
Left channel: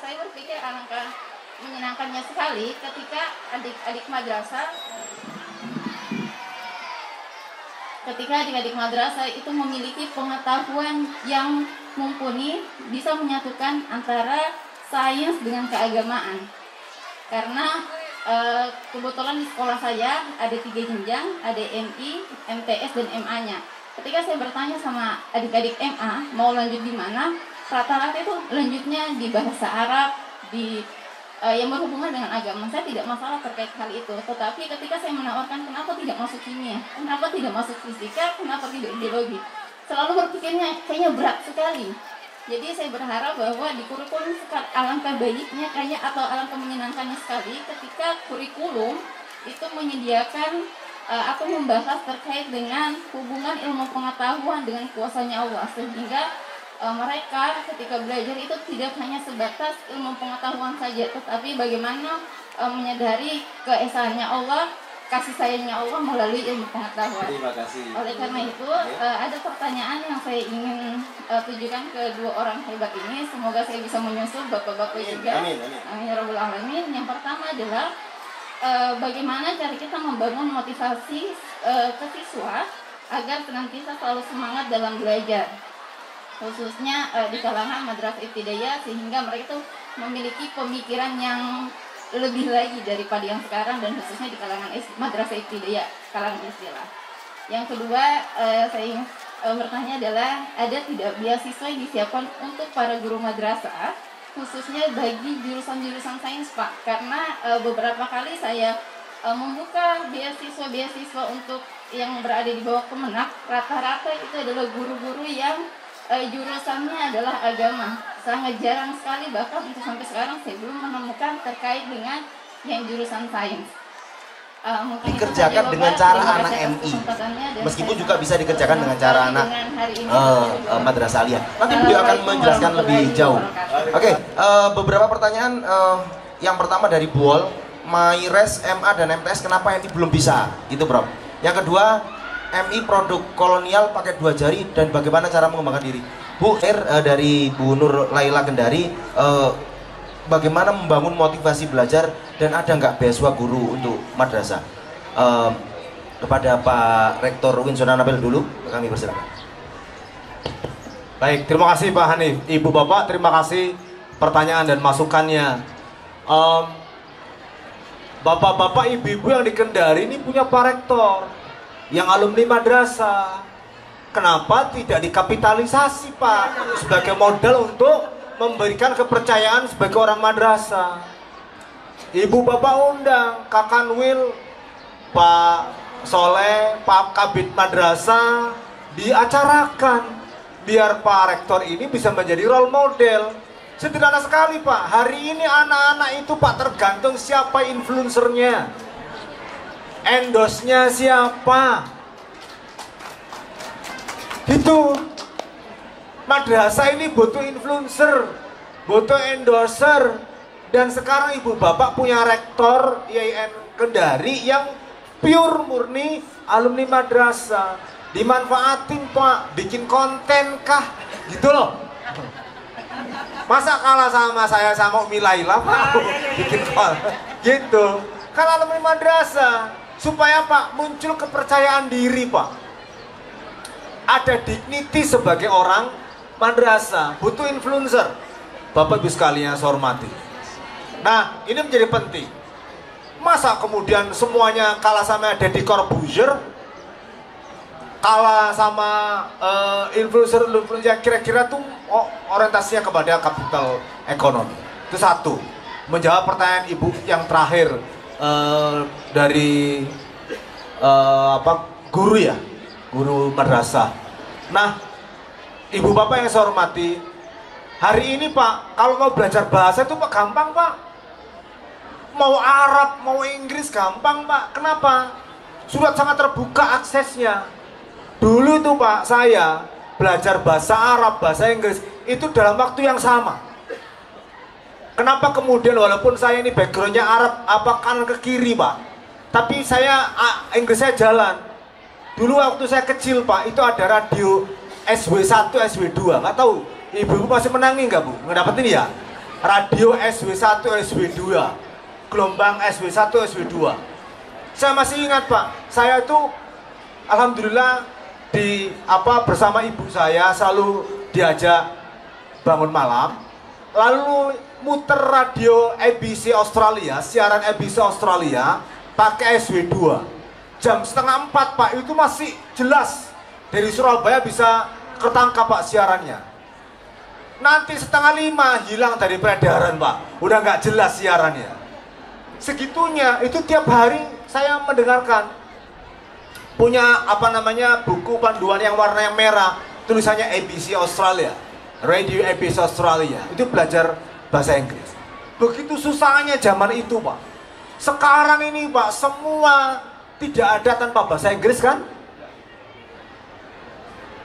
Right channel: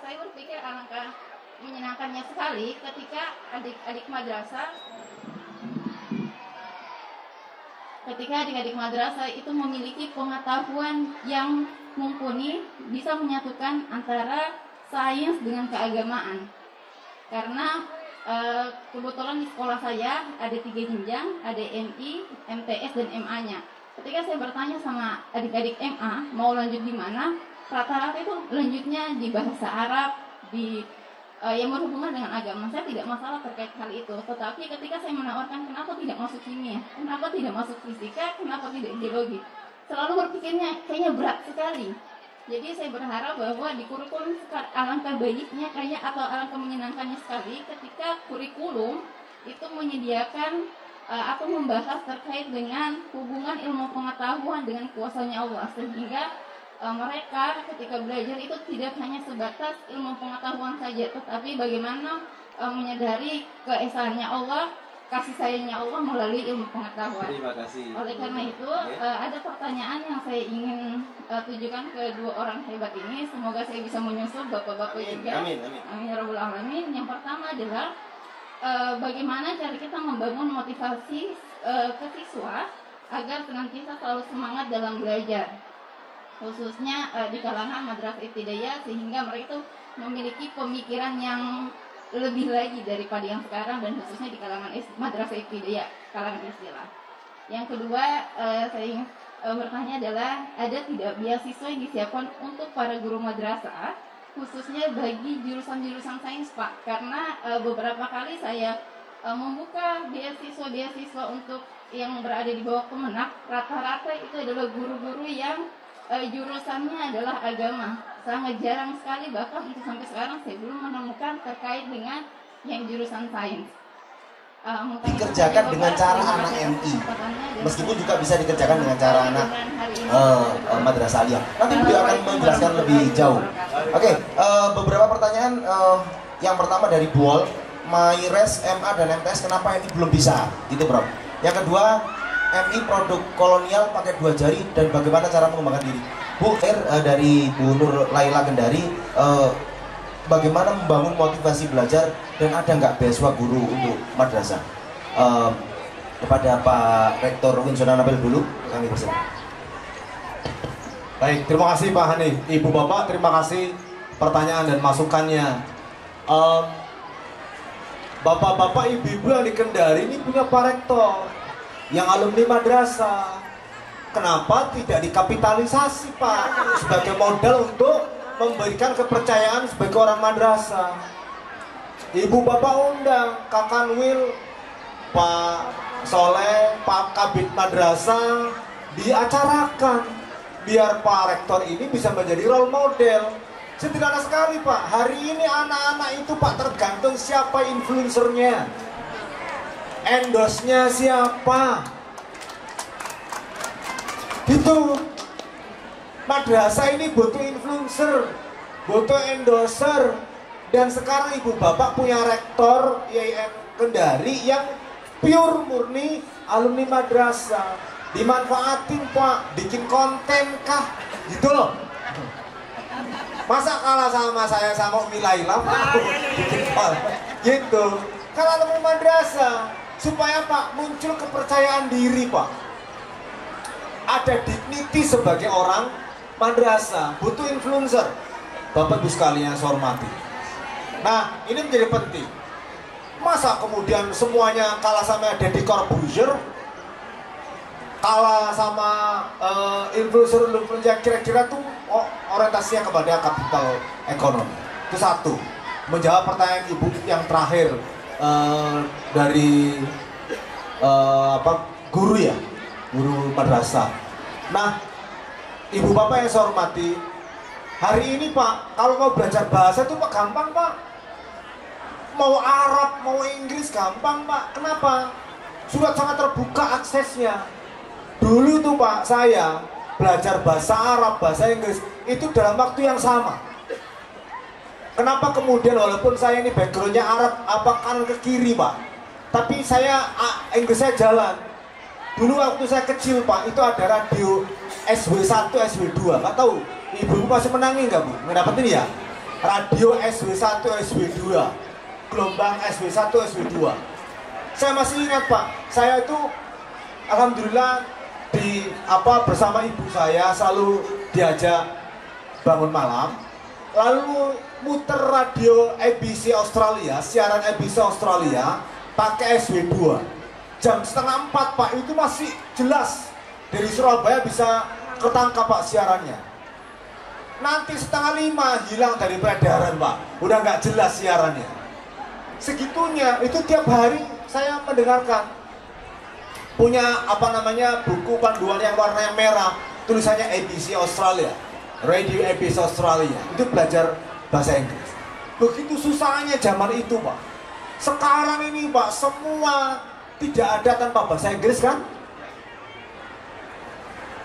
saya berpikir alangkah menyenangkannya sekali ketika adik-adik madrasah itu memiliki pengetahuan yang mumpuni, bisa menyatukan antara sains dengan keagamaan. Karena kebetulan di sekolah saya ada 3 jenjang, ada MI, MTS, dan MA-nya. Ketika saya bertanya sama adik-adik MA mau lanjut di mana, rata-rata itu lanjutnya di bahasa Arab, di yang berhubungan dengan agama. Saya tidak masalah terkait hal itu, tetapi ketika saya menawarkan kenapa tidak masuk kimia, kenapa tidak masuk fisika, kenapa tidak biologi, selalu berpikirnya kayaknya berat sekali. Jadi saya berharap bahwa di kurikulum alangkah baiknya kayaknya atau alangkah menyenangkannya sekali ketika kurikulum itu menyediakan atau membahas terkait dengan hubungan ilmu pengetahuan dengan kuasanya Allah, sehingga mereka ketika belajar itu tidak hanya sebatas ilmu pengetahuan saja, tetapi bagaimana menyadari keesaannya Allah, kasih sayangnya Allah melalui ilmu pengetahuan. Terima kasih. Oleh karena itu ada pertanyaan yang saya ingin tujukan ke 2 orang hebat ini. Semoga saya bisa menyusul bapak-bapak juga. Amin. Amin ya rabbal alamin. Yang pertama adalah bagaimana cara kita membangun motivasi ke siswa agar senantiasa selalu semangat dalam belajar, khususnya di kalangan madrasah ibtidaiyah, sehingga mereka tuh memiliki pemikiran yang lebih lagi daripada yang sekarang, dan khususnya di kalangan madrasah ibtidaiyah, kalangan istilah. Yang kedua, saya ingin bertanya adalah ada tidak beasiswa yang disiapkan untuk para guru madrasah, khususnya bagi jurusan-jurusan sains, Pak? Karena beberapa kali saya membuka beasiswa untuk yang berada di bawah Kemenak, rata-rata itu adalah guru-guru yang jurusannya adalah agama. Sangat jarang sekali, bahkan untuk sampai sekarang saya belum menemukan terkait dengan yang jurusan sains. Dikerjakan dengan cara anak MI, meskipun juga bisa dikerjakan dengan cara anak madrasah aliyah. Nanti beliau akan menjelaskan lebih jauh. Oke, beberapa pertanyaan. Yang pertama dari Buol, Mayres, MA dan MTS kenapa MI belum bisa? Itu bro. Yang kedua, MI produk kolonial pakai 2 jari dan bagaimana cara mengembangkan diri? Bu, dari Bu Nur Laila Kendari, bagaimana membangun motivasi belajar dan ada nggak beasiswa guru untuk madrasah? Kepada Pak Rektor Winsona Nabil dulu, kami bersilakan. Baik, terima kasih Pak Hanif. Ibu Bapak, terima kasih pertanyaan dan masukannya. Bapak-bapak, ibu-ibu yang di Kendari ini punya Pak Rektor yang alumni madrasah. Kenapa tidak dikapitalisasi Pak sebagai modal untuk memberikan kepercayaan sebagai orang madrasah? Ibu bapak undang Kakan Wil, Pak Soleh, Pak Kabid madrasah, diacarakan biar Pak Rektor ini bisa menjadi role model. Sederhana sekali Pak. Hari ini anak-anak itu Pak tergantung siapa influencernya, endorse-nya siapa. Gitu. Madrasah ini butuh influencer, butuh endorser. Dan sekarang ibu bapak punya rektor IAIN Kendari yang pure murni alumni madrasah. Dimanfaatin Pak, bikin konten kah? Gitu loh. Masa kalah sama saya sama Umi Laila Pak? Gitu. Kalau alumni madrasah, supaya Pak muncul kepercayaan diri Pak, ada dignity sebagai orang madrasah, butuh influencer. Bapak Ibu sekalian saya hormati. Nah, ini menjadi penting. Masa kemudian semuanya kalah sama Deddy Corbuzier, kalah sama influencer yang kira-kira tuh orientasinya kepada kapital ekonomi. Itu satu. Menjawab pertanyaan Ibu yang terakhir dari guru ya, guru madrasah. Nah, Ibu Bapak yang saya hormati, hari ini Pak, kalau mau belajar bahasa itu Pak gampang Pak. Mau Arab, mau Inggris gampang Pak. Kenapa? Sudah sangat terbuka aksesnya. Dulu itu Pak, saya belajar bahasa Arab, bahasa Inggris itu dalam waktu yang sama. Kenapa kemudian walaupun saya ini backgroundnya Arab, apa kanan ke kiri Pak, tapi saya Inggris saya jalan. Dulu waktu saya kecil Pak, itu ada radio SW1, SW2, nggak tahu ibu masih menangi nggak Bu? Ngedapetin ya? Radio SW1, SW2, gelombang SW1, SW2. Saya masih ingat Pak, saya itu alhamdulillah bersama ibu saya selalu diajak bangun malam. lalu muter radio ABC Australia, siaran ABC Australia pakai SW2 jam 3:30 Pak, itu masih jelas dari Surabaya bisa ketangkap Pak siarannya. Nanti 4:30 hilang dari peredaran Pak, udah nggak jelas siarannya. Segitunya, itu tiap hari saya mendengarkan. Punya apa namanya, buku panduan yang warna merah, tulisannya ABC Australia, Radio ABC Australia, itu belajar bahasa Inggris. Begitu susahnya zaman itu Pak. Sekarang ini Pak, semua tidak ada tanpa bahasa Inggris kan?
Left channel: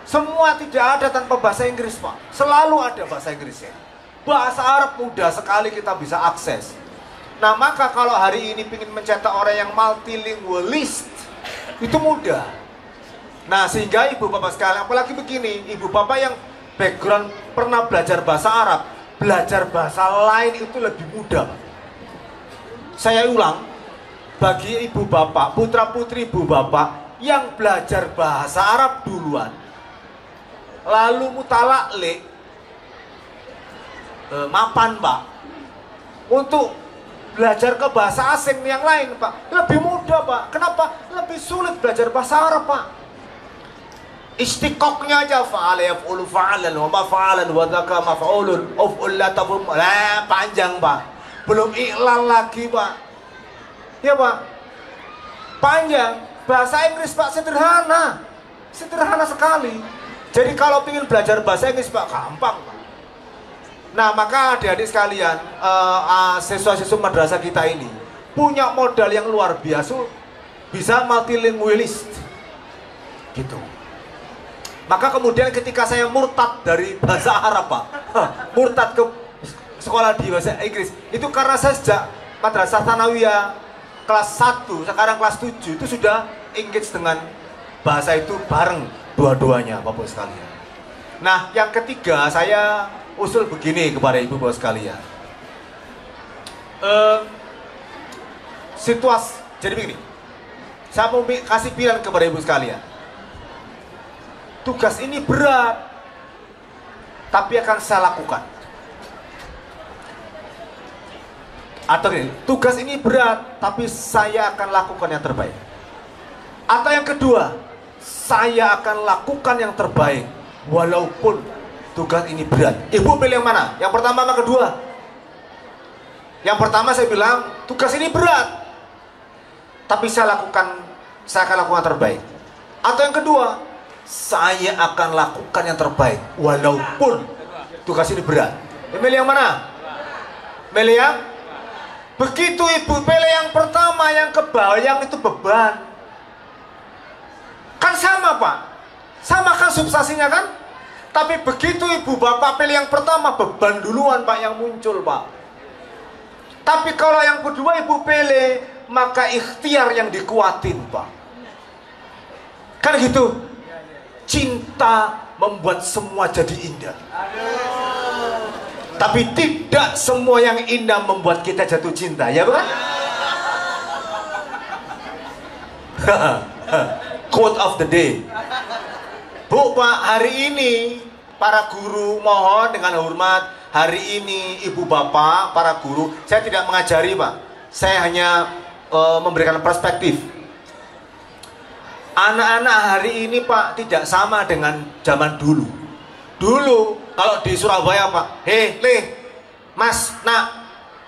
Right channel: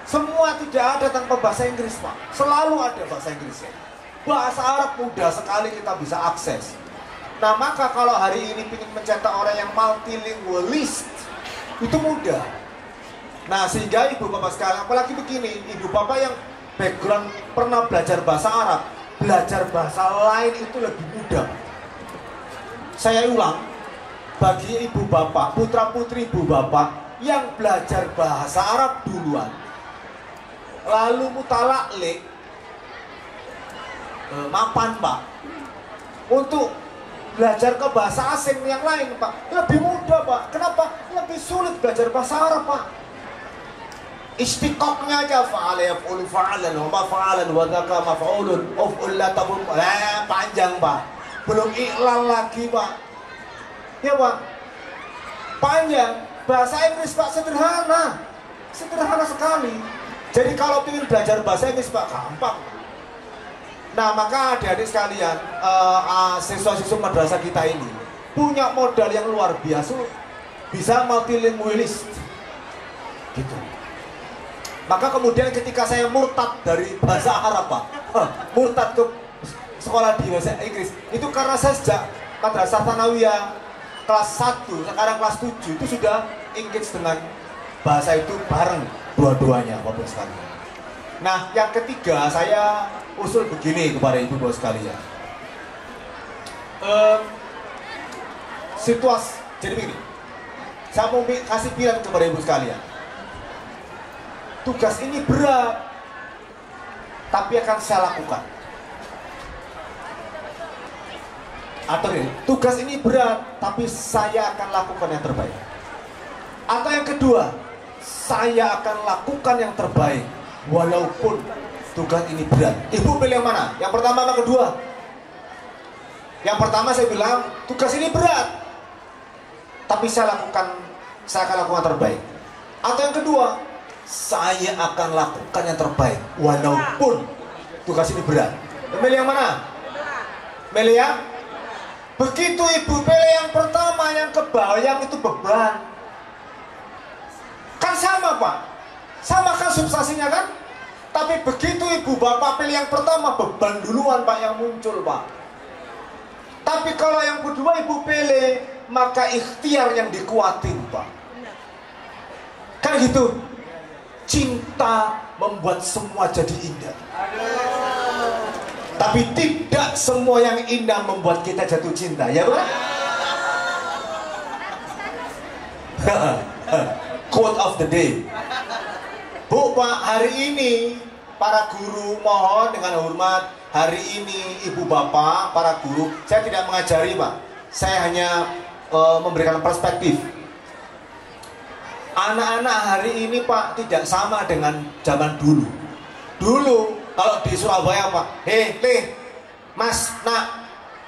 Semua tidak ada tanpa bahasa Inggris Pak. Selalu ada bahasa Inggrisnya. Bahasa Arab mudah sekali kita bisa akses. Nah maka kalau hari ini ingin mencetak orang yang multilingualist, itu mudah. Nah sehingga ibu bapak sekalian, apalagi begini, ibu bapak yang background pernah belajar bahasa Arab, belajar bahasa lain itu lebih mudah. Saya ulang, bagi ibu bapak, putra putri ibu bapak yang belajar bahasa Arab duluan, lalu mutalaklik, mapan Pak, untuk belajar ke bahasa asing yang lain Pak, lebih mudah Pak. Kenapa? Lebih sulit belajar bahasa Arab Pak. Istiqoknya aja fa'ala yaf'ulu fa'alan wa mafa'alan wa dhaka maf'ulun uf'ul la tabum, panjang Pak. Belum iklal lagi Pak. Ya Pak, panjang. Bahasa Inggris Pak sederhana, sederhana sekali. Jadi kalau ingin belajar bahasa Inggris Pak, gampang. Nah maka adik-adik sekalian, siswa-siswa madrasah kita ini punya modal yang luar biasa, bisa multilingualist gitu. Maka kemudian ketika saya murtad dari bahasa Arab Pak, murtad ke sekolah di bahasa Inggris, itu karena saya sejak madrasah Tsanawiyah kelas 1, sekarang kelas 7 itu sudah engage dengan bahasa itu bareng dua-duanya Bapak sekalian. Nah yang ketiga, saya usul begini kepada ibu bapak sekalian. Situasi, jadi begini, saya mau kasih pilihan kepada ibu sekalian. Tugas ini berat, tapi akan saya lakukan. Atau ini, tugas ini berat, tapi saya akan lakukan yang terbaik. Atau yang kedua, saya akan lakukan yang terbaik, walaupun tugas ini berat. Ibu pilih yang mana? Yang pertama atau kedua? Yang pertama saya bilang, tugas ini berat, tapi saya akan lakukan terbaik. Atau yang kedua, saya akan lakukan yang terbaik, walaupun tugas ini berat. Pilih yang mana? Pilih yang? Begitu ibu pilih yang pertama, yang kebayang itu beban. Kan sama Pak, sama kan substansinya kan? Tapi begitu ibu bapak pilih yang pertama, beban duluan Pak yang muncul Pak. Tapi kalau yang kedua ibu pilih, maka ikhtiar yang dikuatin Pak. Kan gitu. Cinta membuat semua jadi indah. Tapi tidak semua yang indah membuat kita jatuh cinta, ya Pak? Quote of the day. Bu Pak, hari ini para guru mohon dengan hormat, hari ini ibu bapak, para guru, saya tidak mengajari Pak, saya hanya memberikan perspektif. Anak-anak hari ini Pak tidak sama dengan zaman dulu. Dulu kalau di Surabaya Pak, Mas, nak,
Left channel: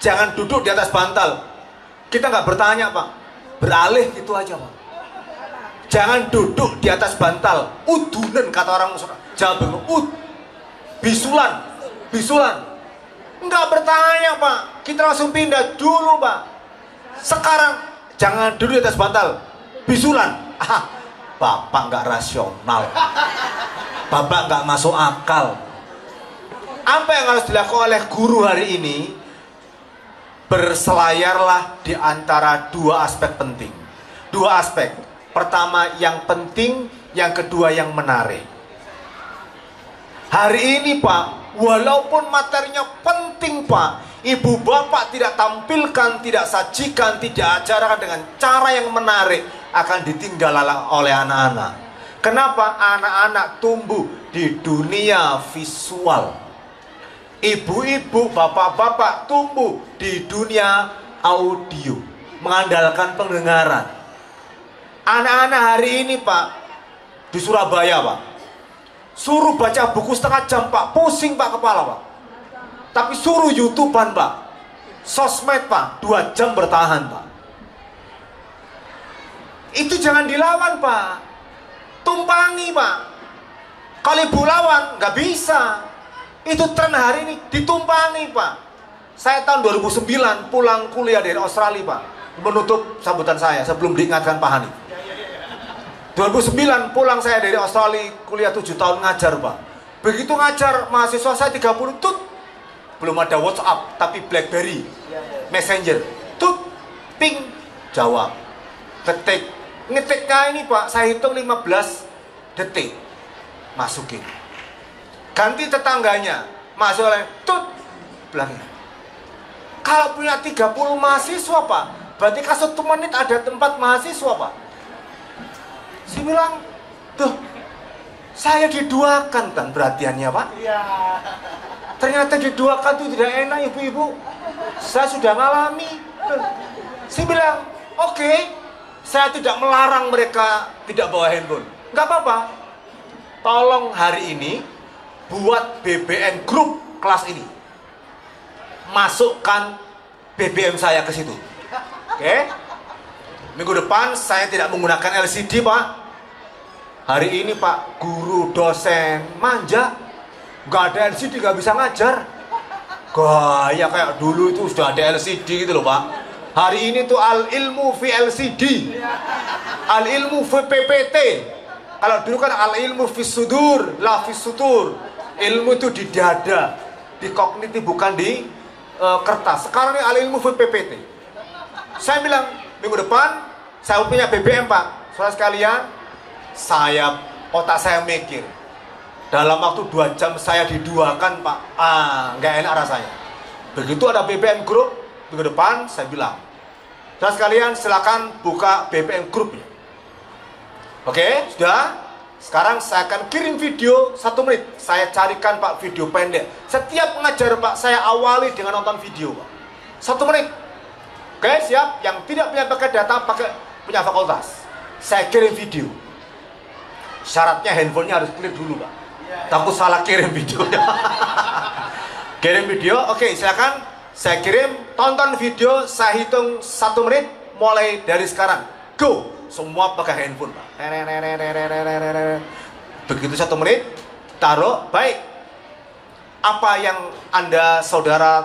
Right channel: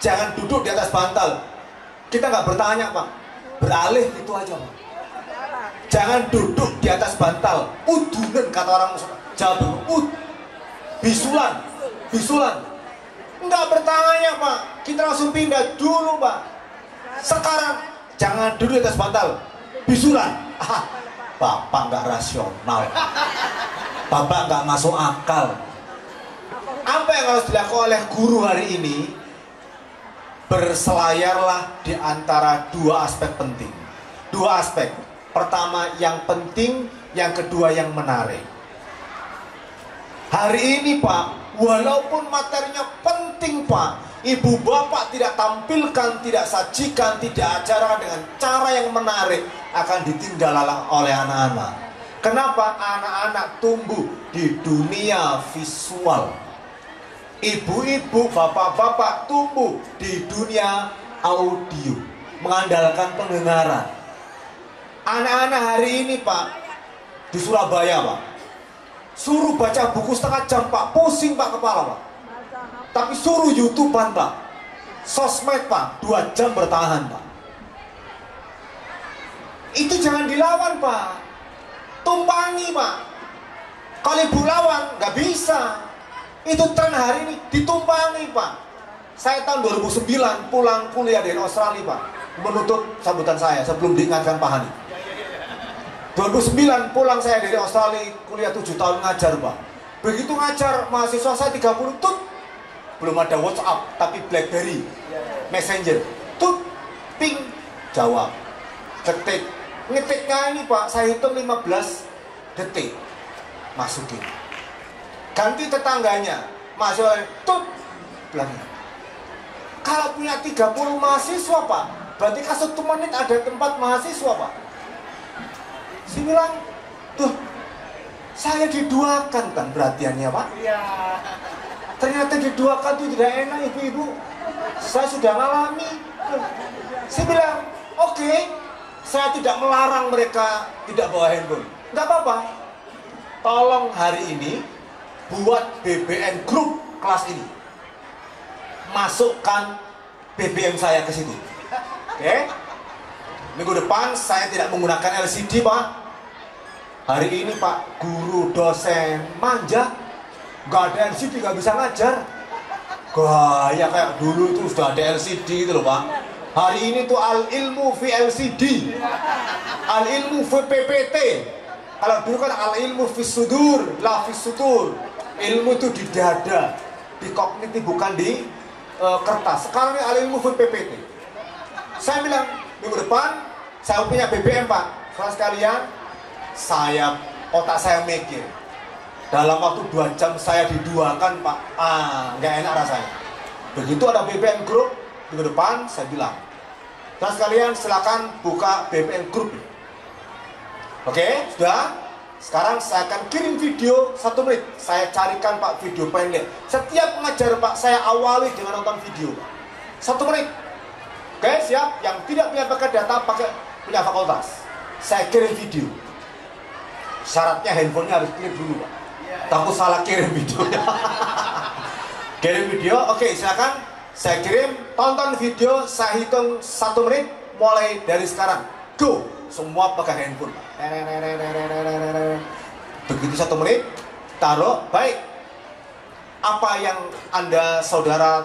jangan duduk di atas bantal. Kita nggak bertanya Pak, beralih gitu aja Pak. Jangan duduk di atas bantal. Udunan kata orang Jawa Timur. Bisulan. Enggak bertanya Pak. Kita langsung pindah dulu Pak. Sekarang jangan duduk di atas bantal. Bisulan. Bapak nggak rasional. Bapak nggak masuk akal. Apa yang harus dilakukan oleh guru hari ini? Berselayarlah di antara dua aspek penting. Dua aspek. Pertama yang penting, yang kedua yang menarik. Hari ini Pak, walaupun materinya penting Pak, ibu bapak tidak tampilkan, tidak sajikan, tidak ajarkan dengan cara yang menarik, akan ditinggal oleh anak-anak. Kenapa? Anak-anak tumbuh di dunia visual. Ibu-ibu, bapak-bapak tumbuh di dunia audio, mengandalkan pendengaran. Anak-anak hari ini Pak, di Surabaya Pak, suruh baca buku setengah jam Pak, pusing Pak kepala Pak. Tapi suruh YouTubean Pak, sosmed Pak, 2 jam bertahan Pak. Itu jangan dilawan Pak, tumpangi Pak. Kalau ibu lawan nggak bisa. Itu tren hari ini ditumpangi Pak. Saya tahun 2009 pulang kuliah dari Australia Pak, menutup sambutan saya sebelum diingatkan Pak Hani. 2009 pulang saya dari Australia, kuliah 7 tahun ngajar Pak. Begitu ngajar mahasiswa saya 30 tut, belum ada WhatsApp tapi BlackBerry, Messenger, tut, ping, jawab, ketik, ngetiknya ini Pak, saya hitung 15 detik, masukin. Ganti tetangganya, masuk oleh tut, bilangnya. Kalau punya 30 mahasiswa Pak, berarti kan 1 menit ada 4 mahasiswa Pak. Saya bilang, tuh, saya diduakan kan perhatiannya Pak. Iya. Ternyata diduakan itu tidak enak ibu-ibu. Saya sudah ngalami. Saya bilang, oke, saya tidak melarang mereka tidak bawa handphone. Nggak apa-apa. Tolong hari ini buat BBM grup kelas ini. Masukkan BBM saya ke situ. Oke? Minggu depan saya tidak menggunakan LCD Pak. Hari ini Pak, guru dosen manja, gak ada LCD gak bisa ngajar. Gaya kayak dulu itu sudah ada LCD gitu loh Pak. Hari ini tuh al-ilmu fi LCD, al-ilmu fi PPT. Kalau dulu kan al-ilmu fi sudur, la fi sudur. Ilmu itu di dada, di kognitif, bukan di kertas. Sekarang ini al-ilmu fi PPT. Saya bilang, minggu depan saya punya BBM Pak. Saudara sekalian, otak saya mikir, dalam waktu 2 jam saya diduakan Pak. Nggak enak rasanya. Begitu ada BBM grup, minggu depan saya bilang, saudara sekalian silakan buka BBM grup. Oke, sudah. Sekarang saya akan kirim video 1 menit. Saya carikan Pak video pendek. Setiap mengajar Pak, saya awali dengan nonton video Pak. 1 menit. Oke, siap. Yang tidak punya pakai data, pakai punya fakultas. Saya kirim video. Syaratnya handphonenya harus clear dulu Pak. Takut salah kirim videonya. Kirim video, oke, silakan. Saya kirim, tonton video, saya hitung 1 menit mulai dari sekarang. Go! Semua pakai handphone Pak. Begitu 1 menit, taruh, baik. Apa yang Anda saudara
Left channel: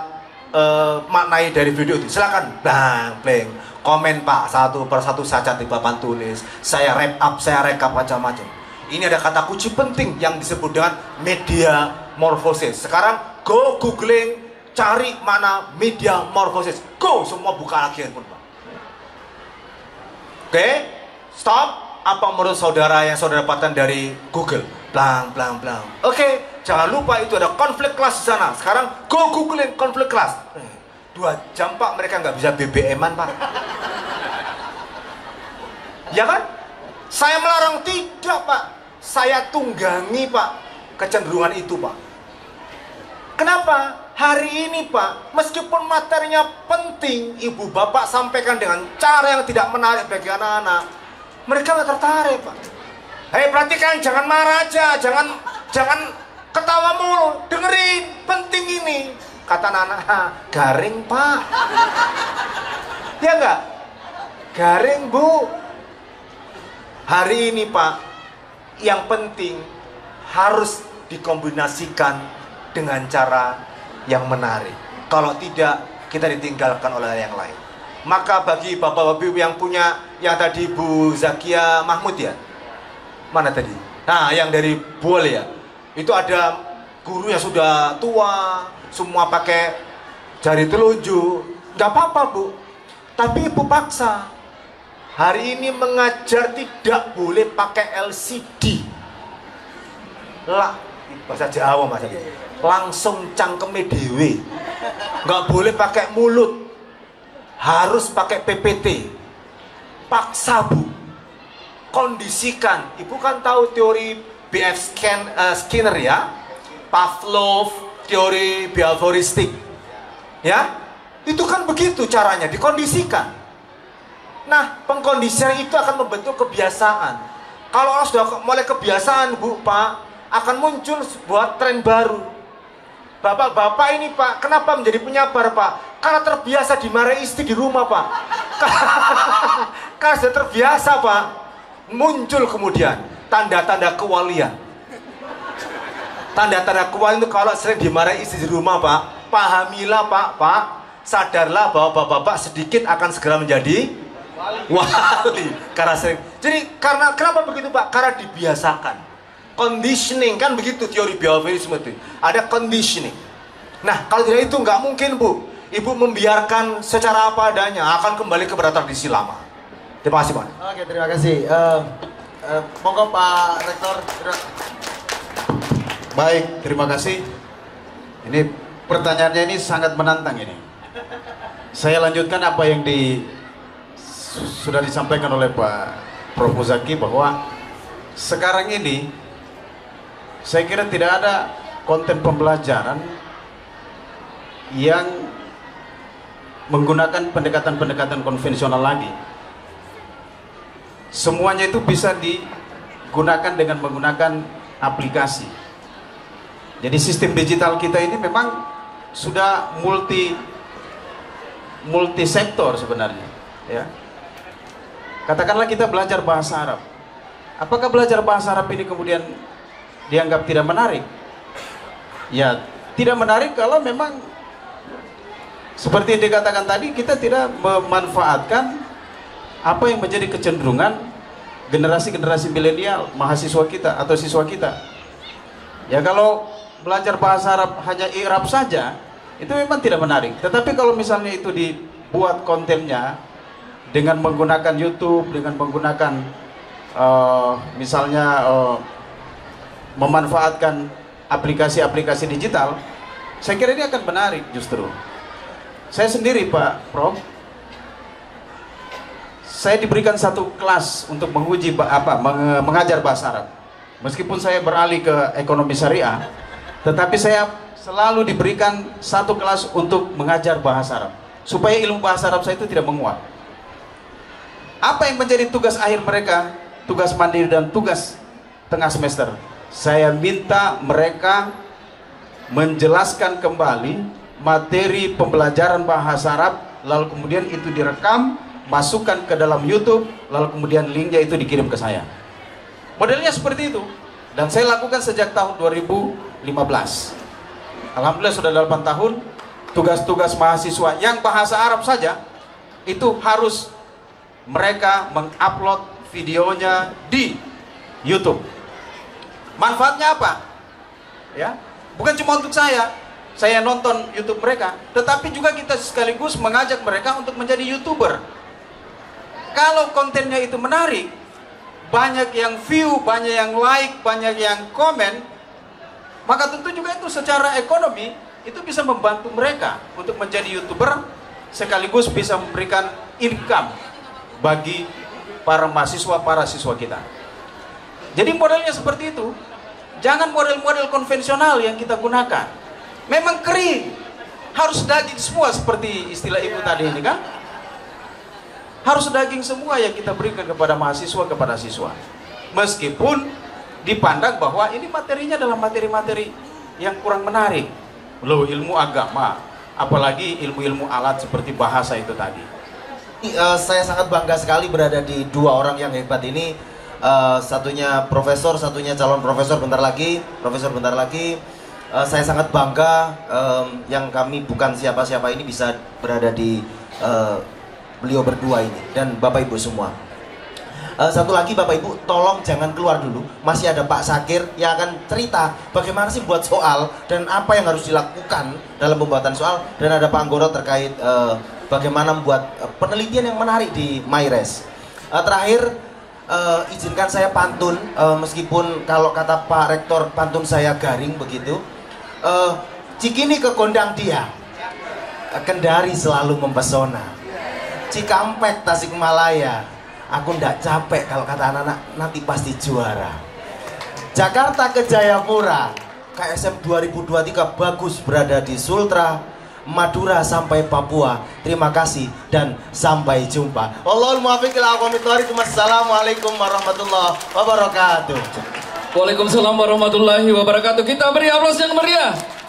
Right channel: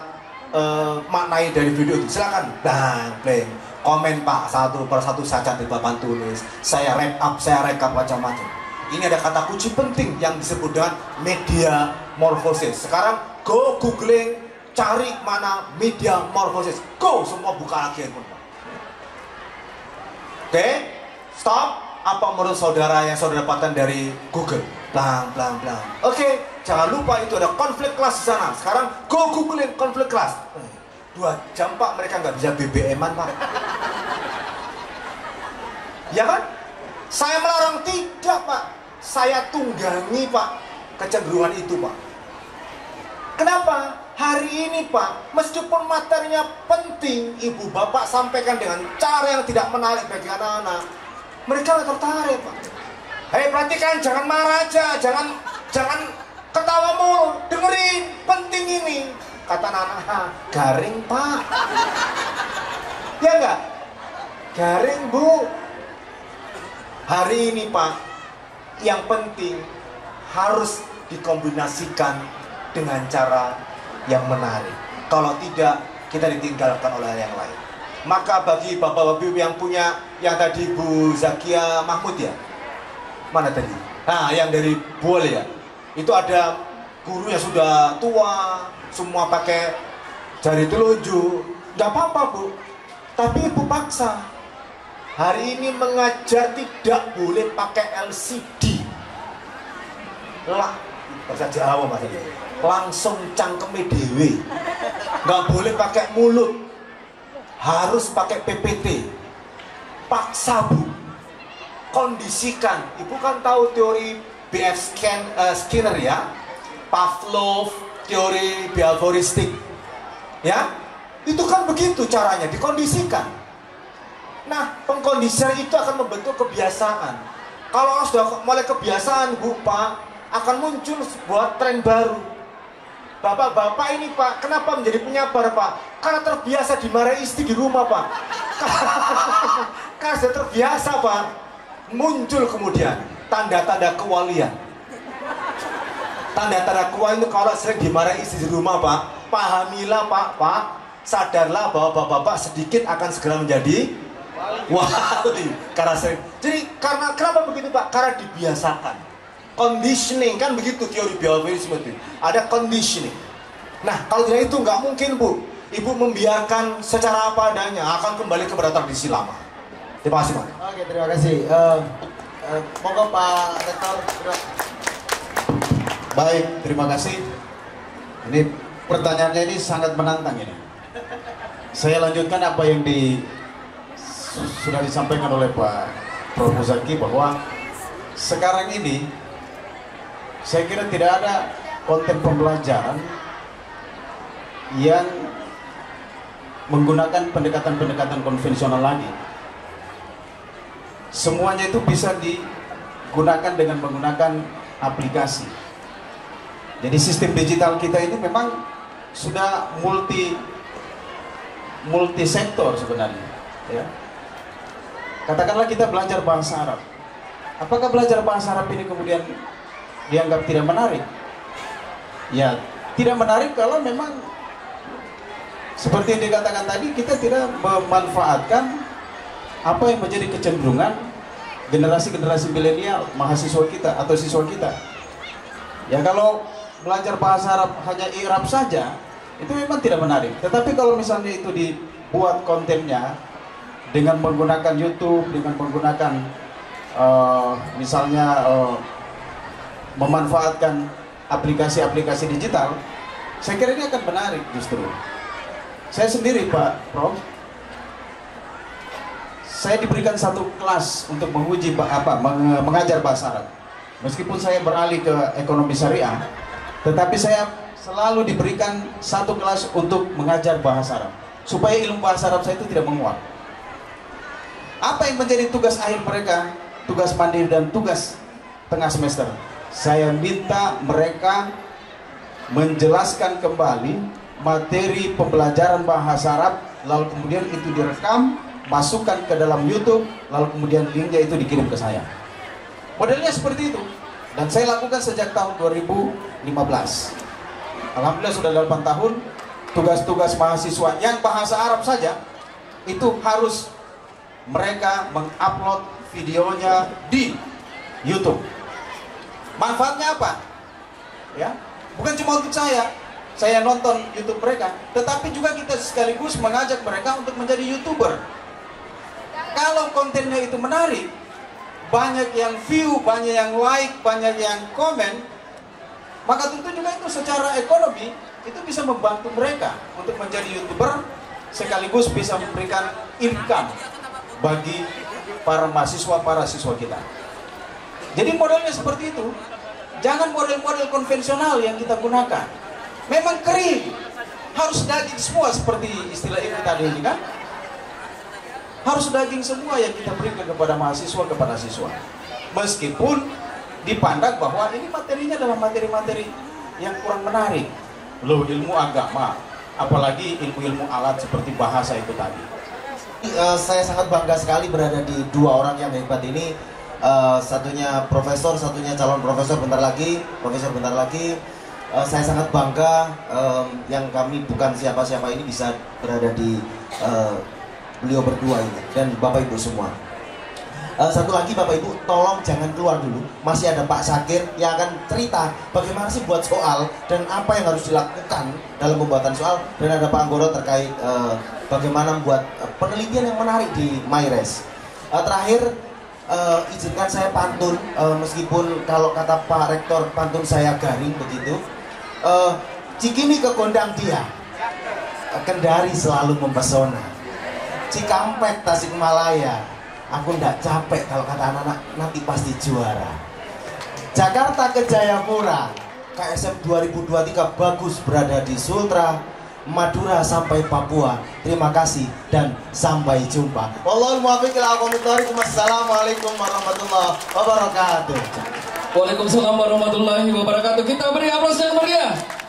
maknai dari video itu? Silakan, bang, komen Pak, 1 per 1 saya catat di papan tulis. Saya wrap up, saya rekap macam-macam. Ini ada kata kunci penting yang disebut dengan media morphosis. Sekarang go googling, cari mana media morphosis. Go, semua buka lagi handphone Pak. Oke, stop. Apa menurut saudara yang saudara dapatkan dari Google? Blang. Oke, jangan lupa itu ada konflik kelas di sana. Sekarang go googling konflik kelas. 2 jam Pak, mereka nggak bisa BBM-an Pak. Ya kan? Saya melarang tidak Pak. Saya tunggangi Pak kecenderungan itu Pak. Kenapa? Hari ini Pak, meskipun materinya penting, ibu bapak sampaikan dengan cara yang tidak menarik bagi anak-anak, mereka nggak tertarik Pak. Hei, perhatikan, jangan marah aja, jangan ketawa mulu, dengerin, penting ini. Kata anak-anak, garing Pak. Ya enggak? Garing Bu. Hari ini Pak, yang penting harus dikombinasikan dengan cara yang menarik. Kalau tidak, kita ditinggalkan oleh yang lain. Maka bagi bapak-bapak yang punya, yang tadi Bu Zakia Mahmud ya, mana tadi? Nah, yang dari Buol ya, itu ada guru yang sudah tua, semua pakai jari telunjuk. Gak apa-apa Bu, tapi ibu paksa. Hari ini mengajar tidak boleh pakai LCD. Lah, bahasa Jawa Mas. Langsung cangkeme dewe. Nggak boleh pakai mulut. Harus pakai PPT. Paksa Bu. Kondisikan. Ibu kan tahu teori BF Skinner ya. Pavlov, teori behavioristik. Ya, itu kan begitu caranya, dikondisikan. Nah, pengkondisian itu akan membentuk kebiasaan. Kalau sudah mulai kebiasaan, Bu, Pak, akan muncul sebuah tren baru. Bapak-bapak ini, Pak, kenapa menjadi penyabar, Pak? Karena terbiasa dimarahi istri di rumah, Pak. Karena sudah terbiasa, Pak. Muncul kemudian tanda-tanda kewalian. Tanda-tanda kewalian itu kalau sering dimarahi istri di rumah, Pak, pahamilah, Pak, sadarlah bahwa bapak-bapak sedikit akan segera menjadi wali. Karena sering. Jadi kenapa begitu, Pak? Karena dibiasakan. Conditioning, kan begitu teori behaviorisme itu. Ada conditioning. Nah, kalau tidak itu nggak mungkin, Bu. Ibu membiarkan secara apa adanya, akan kembali kepada tradisi lama. Terima kasih, Pak. Oke, terima kasih. Monggo Pak Rektor. Baik, terima kasih. Ini pertanyaannya ini sangat menantang ini. Saya lanjutkan apa yang sudah disampaikan oleh Pak Prof. Muzaki, bahwa sekarang ini saya kira tidak ada konten pembelajaran yang menggunakan pendekatan-pendekatan konvensional lagi. Semuanya itu bisa digunakan dengan menggunakan aplikasi. Jadi sistem digital kita ini memang sudah multi sektor sebenarnya, ya. Katakanlah kita belajar bahasa Arab. Apakah belajar bahasa Arab ini kemudian dianggap tidak menarik? Ya, tidak menarik kalau memang seperti yang dikatakan tadi, kita tidak memanfaatkan apa yang menjadi kecenderungan generasi-generasi milenial, mahasiswa kita atau siswa kita. Ya, kalau belajar bahasa Arab hanya i'rab saja, itu memang tidak menarik. Tetapi kalau misalnya itu dibuat kontennya dengan menggunakan YouTube, dengan menggunakan misalnya memanfaatkan aplikasi-aplikasi digital, saya kira ini akan menarik justru. Saya sendiri, Pak Prof, saya diberikan satu kelas untuk menguji mengajar bahasa Arab. Meskipun saya beralih ke ekonomi syariah, tetapi saya selalu diberikan satu kelas untuk mengajar bahasa Arab, supaya ilmu bahasa Arab saya itu tidak menguap. Apa yang menjadi tugas akhir mereka, tugas mandiri dan tugas tengah semester? Saya minta mereka menjelaskan kembali materi pembelajaran bahasa Arab, lalu kemudian itu direkam, masukkan ke dalam YouTube, lalu kemudian linknya itu dikirim ke saya. Modelnya seperti itu. Dan saya lakukan sejak tahun 2015. Alhamdulillah sudah 8 tahun. Tugas-tugas mahasiswa yang bahasa Arab saja, itu harus mereka mengupload videonya di YouTube. Manfaatnya apa? Ya, bukan cuma untuk saya nonton YouTube mereka, tetapi juga kita sekaligus mengajak mereka untuk menjadi YouTuber. Kalau kontennya itu menarik, banyak yang view, banyak yang like, banyak yang komen, maka tentu juga itu secara ekonomi itu bisa membantu mereka untuk menjadi YouTuber, sekaligus bisa memberikan income bagi para siswa kita. Jadi modelnya seperti itu. Jangan model-model konvensional yang kita gunakan. Memang kering, harus daging semua seperti istilah ibu tadi ini kan. Harus daging semua yang kita berikan kepada mahasiswa, kepada siswa. Meskipun dipandang bahwa ini materinya adalah materi-materi yang kurang menarik. Loh, ilmu agama, apalagi ilmu-ilmu alat seperti bahasa itu tadi. Saya sangat bangga sekali berada di dua orang yang hebat ini. Satunya profesor, satunya calon profesor bentar lagi. Saya sangat bangga yang kami bukan siapa-siapa ini bisa berada di beliau berdua ini dan Bapak Ibu semua. Satu lagi, Bapak Ibu, tolong jangan keluar dulu. Masih ada Pak Sakir yang akan cerita bagaimana sih buat soal dan apa yang harus dilakukan dalam pembuatan soal, dan ada Pak Anggoro terkait bagaimana membuat penelitian yang menarik di MyRes. Terakhir, izinkan saya pantun, meskipun kalau kata Pak Rektor pantun saya garing begitu. Cikini ke Gondang dia, Kendari selalu mempesona. Cikampek Tasikmalaya, aku ndak capek kalau kata anak-anak nanti pasti juara. Jakarta ke Jayapura, KSM 2023 bagus berada di Sultra, Madura sampai Papua. Terima kasih dan sampai jumpa. Wallahul muwaffiq ila aqwamit thoriq. Wassalamualaikum warahmatullahi wabarakatuh. Waalaikumsalam warahmatullahi wabarakatuh. Kita beri aplaus yang meriah.